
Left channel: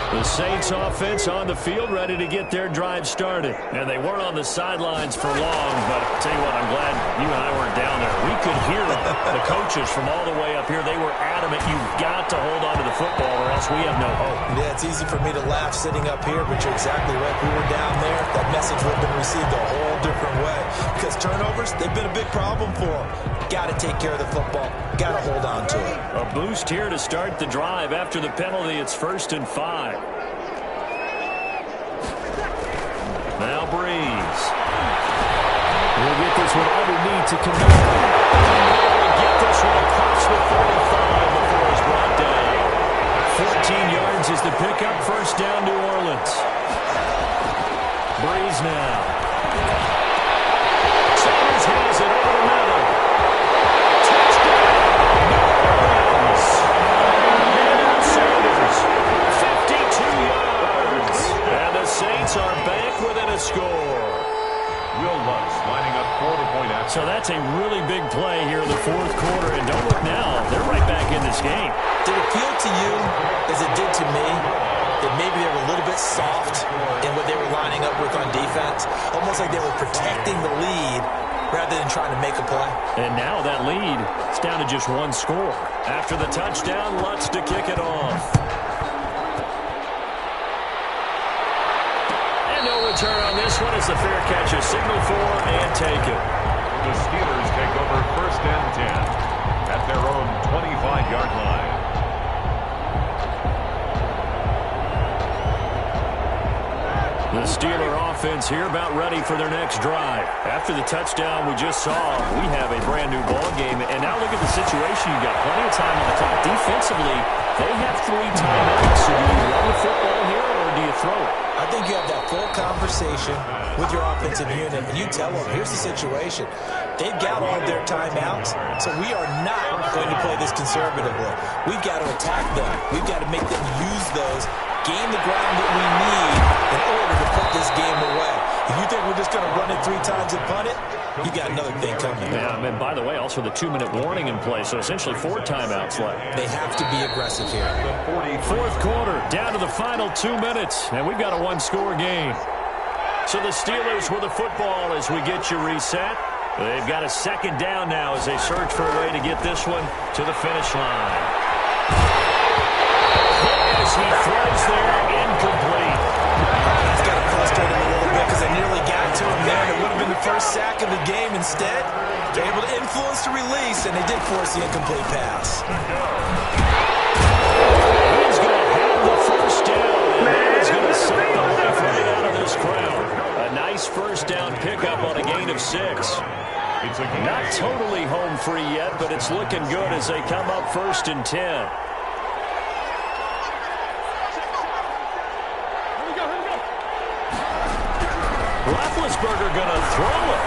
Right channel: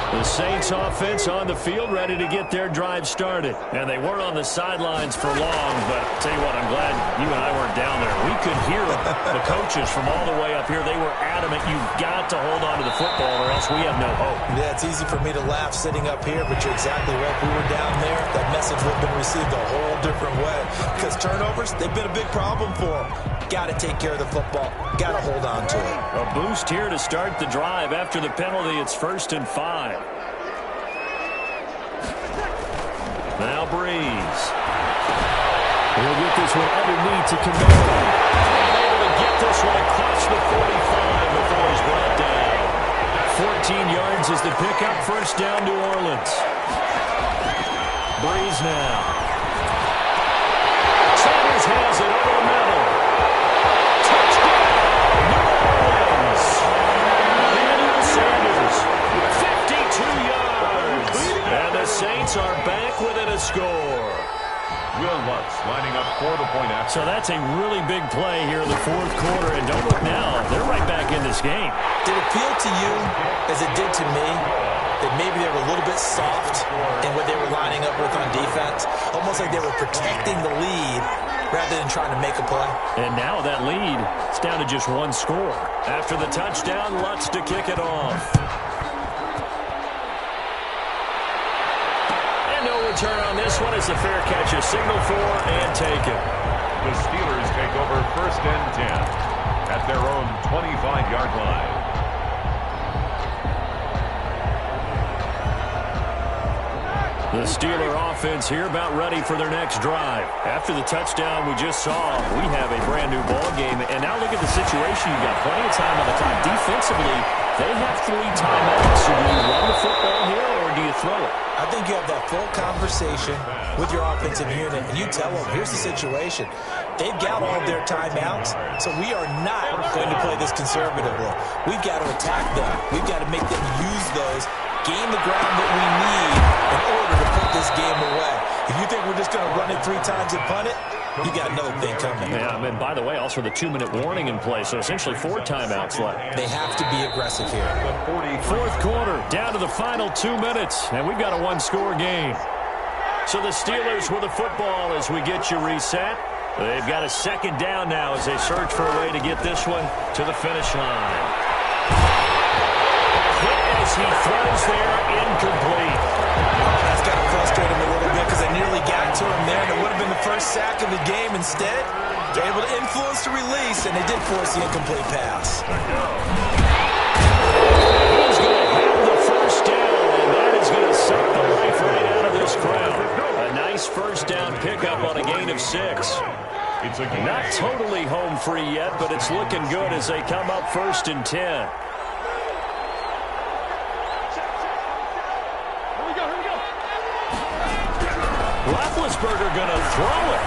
The Saints offense on the field ready to get their drive started. And they weren't on the sidelines for long, but I'll tell you what, I'm glad you and I weren't down there. We could hear them. The coaches from all the way up here, they were adamant. You've got to hold on to the football or else we have no hope. Yeah, it's easy for me to laugh sitting up here, but you're exactly right. If we were down there, that message would have been received a whole different way. Because turnovers, they've been a big problem for them. Got to take care of the football. Got to hold on to it. A boost here to start the drive. After the penalty, it's 1st and 5. Now Breeze. He'll get this one underneath to Kamara. And able to get this one across the 45 before he's brought down. 14 yards is the pickup. First down, New Orleans. Breeze now. Sanders has it over the middle. Touchdown, New Orleans. Emmanuel Sanders, 52 yards. And the Saints are back within a score. Will Lutz lining up for the point after. So that's a really big play here in the 4th quarter. And don't look now, they're right back in this game. Did it feel to you, as it did to me, that maybe they were a little bit soft in what they were lining up with on defense? Almost like they were protecting the lead rather than trying to make a play. And now that lead is down to just 1 score. After the touchdown, Lutz to kick it off. And no return on this one as the fair catch is signaled for and taken. The Steelers take over 1st and 10 at their own 25-yard line. The Steeler offense here about ready for their next drive. After the touchdown we just saw, we have a brand new ball game. And now look at the situation. You've got plenty of time on the clock. Defensively, they have 3 timeouts. So do you run the football here or do you throw it? I think you have that full conversation with your offensive unit, and you tell them, here's the situation. They've got all their timeouts, so we are not going to play this conservatively. We've got to attack them. We've got to make them use those, gain the ground that we need in order to put this game away. If you think we're just going to run it 3 times and punt it, you got another thing coming. Yeah, and by the way, also the 2-minute warning in play, so essentially 4 timeouts left. They have to be aggressive here. 4th quarter, down to the final 2 minutes, and we've got a 1-score game. So the Steelers with the football as we get you reset. They've got a 2nd down now as they search for a way to get this one to the finish line. A hit as he throws there, incomplete. That's got to frustrate him a little bit because they nearly got to him there, and it would have been the first sack of the game. Instead, they're able to influence the release, and they did force the incomplete pass. He's going to have the first down, and that is going to suck the life right out of this crowd. A nice first down pickup on a gain of 6. It's a game. Not totally home free yet, but it's looking good as they come up 1st and 10. Roethlisberger going to throw it.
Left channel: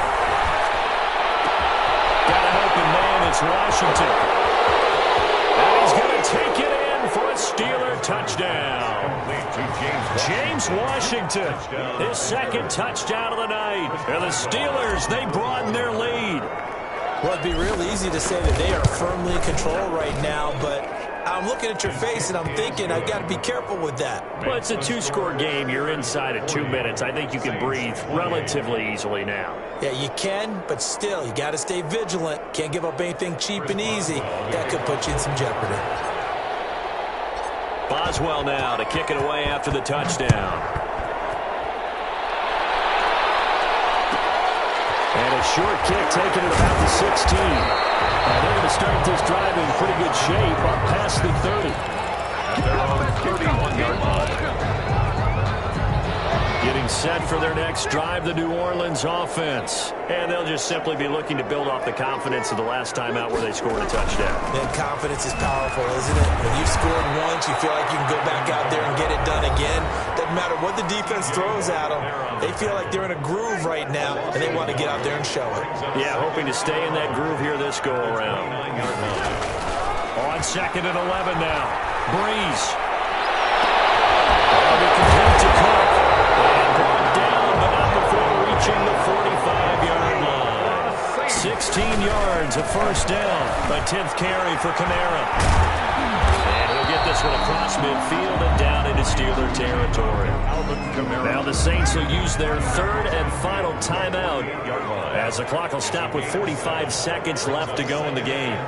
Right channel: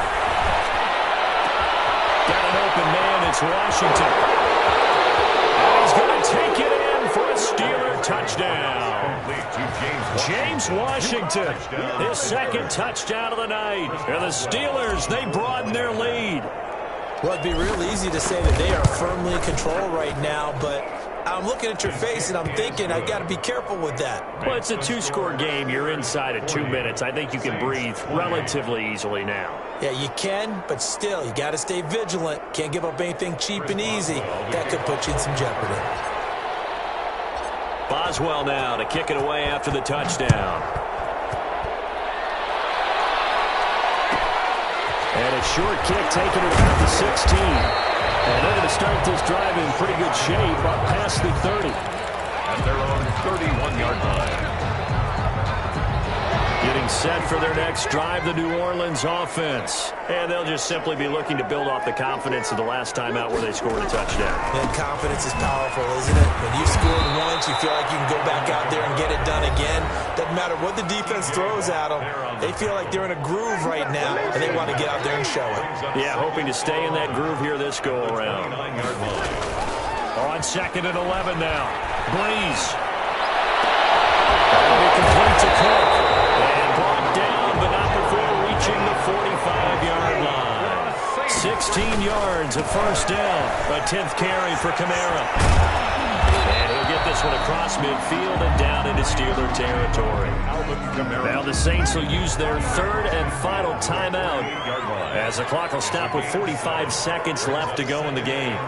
Got an open man. It's Washington. And he's going to take it in for a Steeler touchdown. James Washington, his second touchdown of the night. And the Steelers, they broaden their lead. Well, it'd be real easy to say that they are firmly in control right now, but I'm looking at your face and I'm thinking I've got to be careful with that. Well, it's a 2-score game. You're inside of 2 minutes. I think you can breathe relatively easily now. Yeah, you can, but still, you got to stay vigilant. Can't give up anything cheap and easy. That could put you in some jeopardy. Boswell now to kick it away after the touchdown. And a short kick taken at about the 16. And they're going to start this drive in pretty good shape up past the 30. At their own 31-yard line. Getting set for their next drive, the New Orleans offense. And they'll just simply be looking to build off the confidence of the last time out where they scored a touchdown. And confidence is powerful, isn't it? When you've scored once, you feel like you can go back out there and get it done again. Doesn't matter what the defense throws at them. They feel like they're in a groove right now, and they want to get out there and show it. Yeah, hoping to stay in that groove here this go-around. On 2nd and 11 now. Breeze. That'll be complete to Cook. And brought down, but not before reaching the 45-yard line. 16 yards, a first down. A 10th carry for Kamara. And he'll get this one across midfield and down into Steeler territory. Now the Saints will use their 3rd and final timeout as the clock will stop with 45 seconds left to go in the game.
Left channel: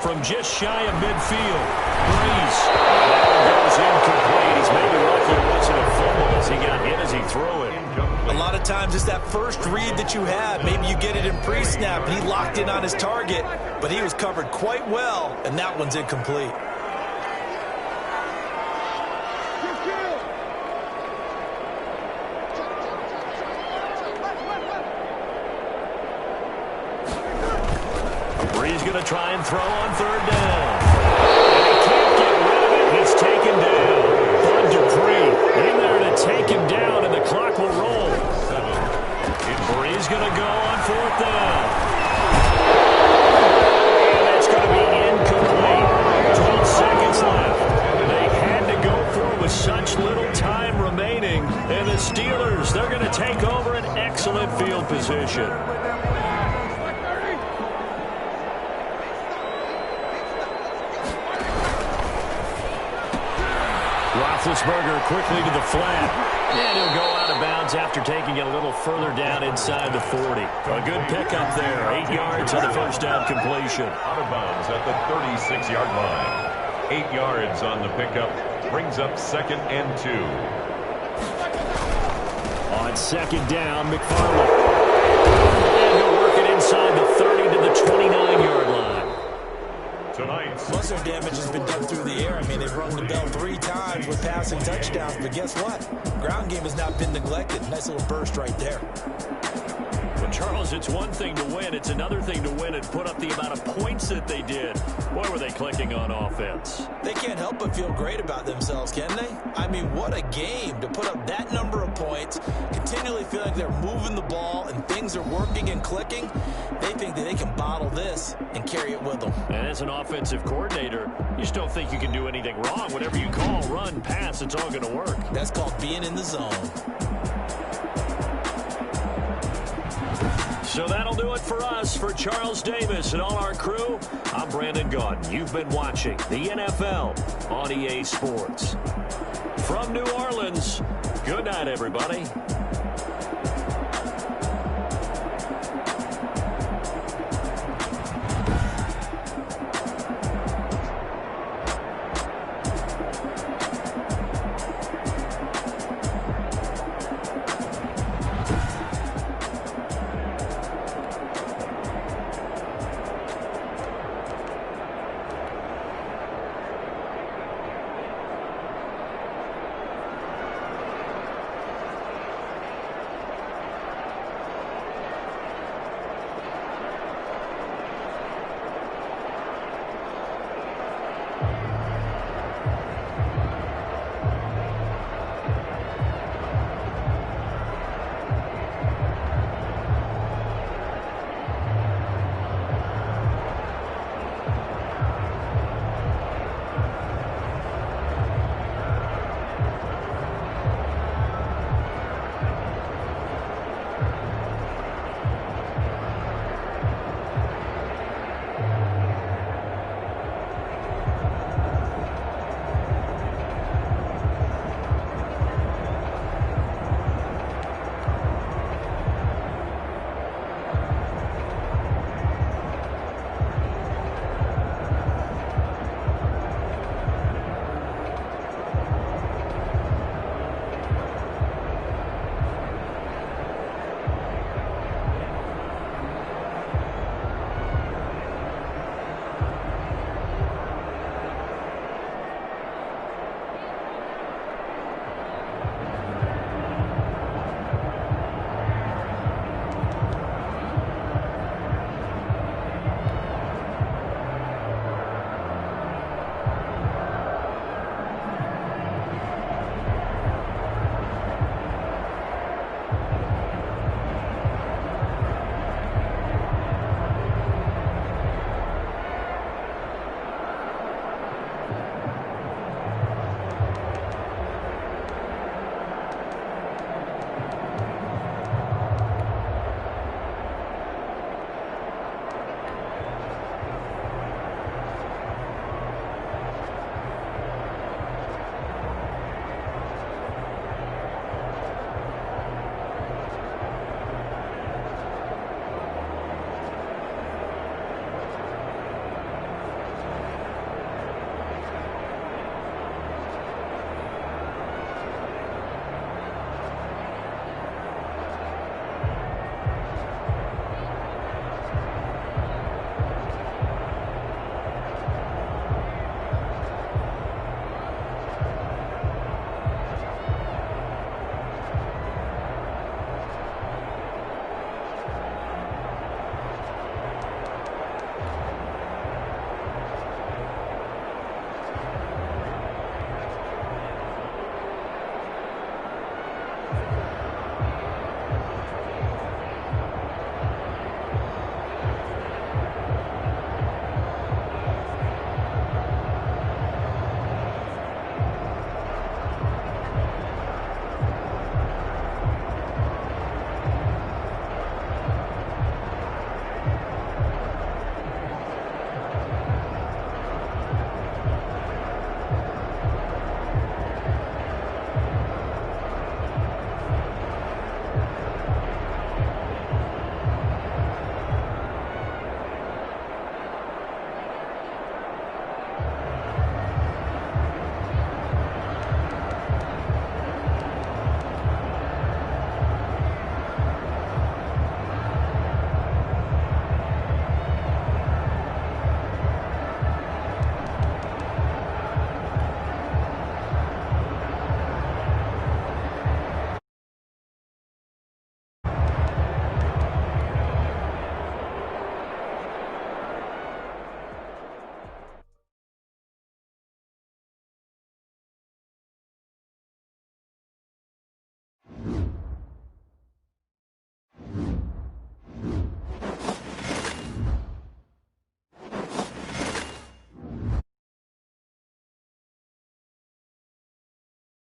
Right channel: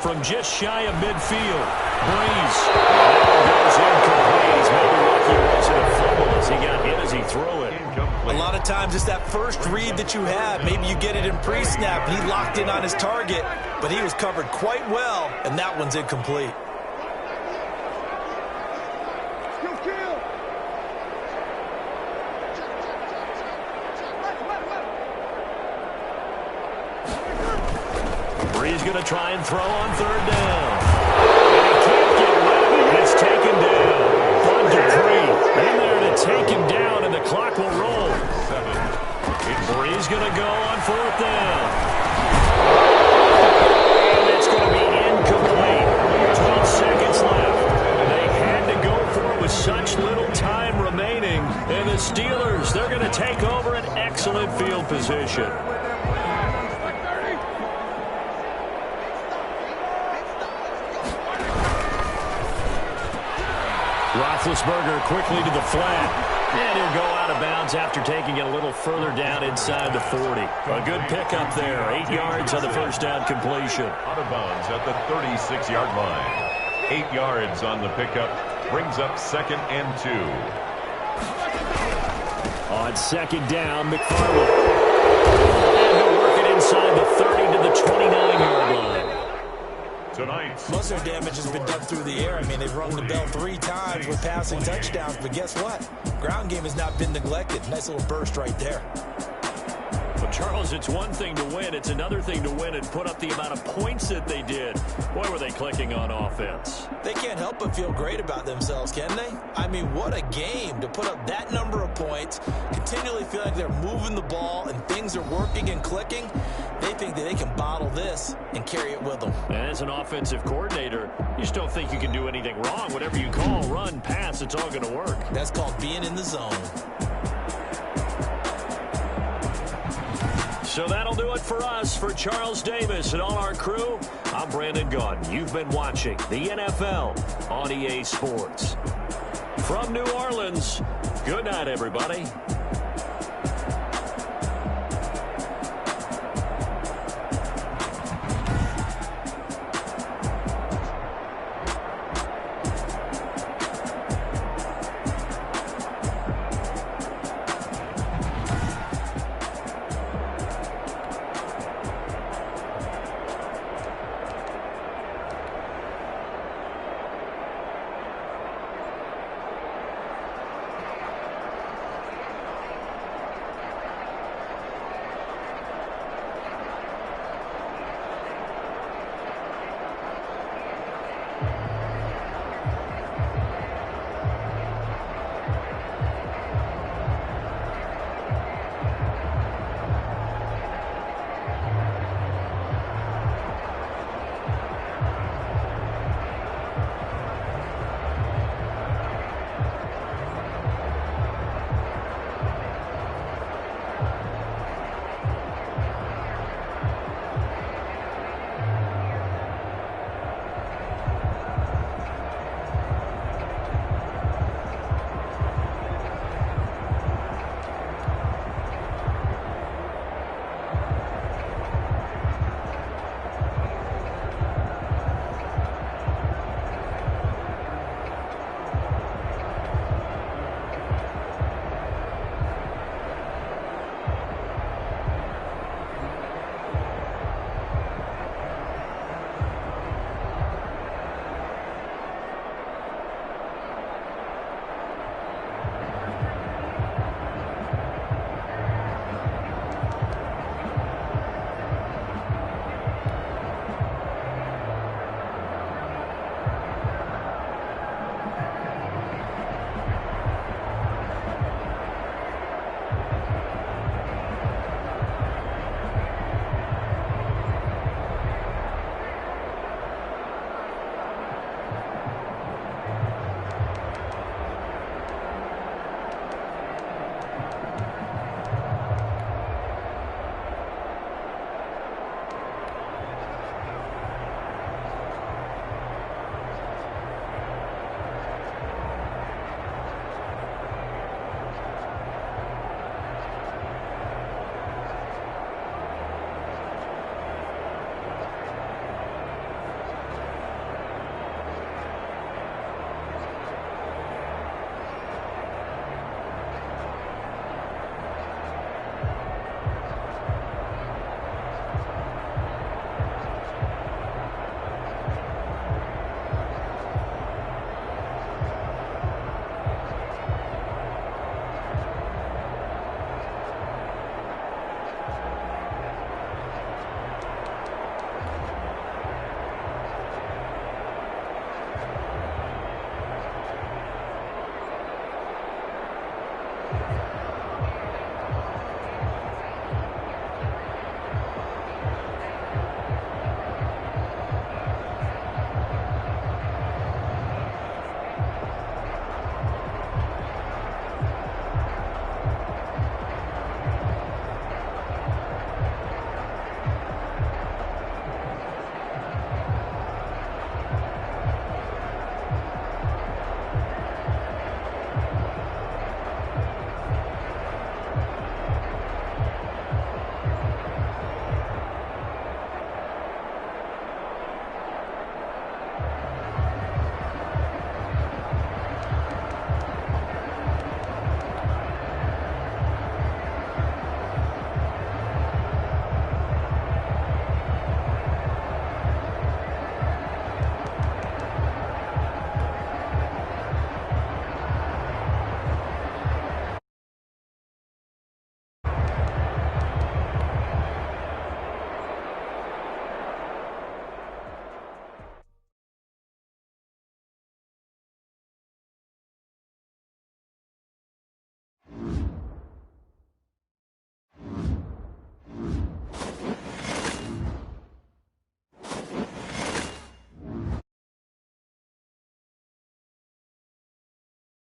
From just shy of midfield, Breeze. And that one goes incomplete. He's maybe lucky it wasn't a fumble as he got hit as he threw it. A lot of times it's that first read that you have. Maybe you get it in pre-snap. He locked in on his target, but he was covered quite well, and that one's incomplete. Breeze going to try and throw on 3rd down. And he can't get rid of it. It's taken down. Bud Dupree in there to take him down, and the clock will roll. Breeze going to go on 4th down. And that's going to be incomplete. 12 seconds left. They had to go for it with such little time remaining. And the Steelers, they're going to take over an excellent field position. Roethlisberger quickly to the flat. And he'll go out of bounds after taking it a little further down inside the 40. A good pickup there. 8 yards on the first down completion. Out of bounds at the 36-yard line. 8 yards on the pickup. Brings up 2nd and 2. On 2nd down, McFarland. And he'll work it inside the 30 to the 29-yard line. Tonight's Most of their damage has been done through the air. I mean, they've rung the bell 3 times with passing touchdowns, but guess what? Ground game has not been neglected. Nice little burst right there. But, Charles, it's one thing to win. It's another thing to win and put up the amount of points that they did. Boy, were they clicking on offense. They can't help but feel great about themselves, can they? I mean, what a game to put up that number of points, continually feel like they're moving the ball and things are working and clicking. They think that they can bottle this and carry it with them. And as an offensive coordinator, you just don't think you can do anything wrong. Whatever you call, run, pass, it's all going to work. That's called being in the zone. So that'll do it for us. For Charles Davis and all our crew, I'm Brandon Gaudin. You've been watching the NFL on EA Sports. From New Orleans, good night, everybody.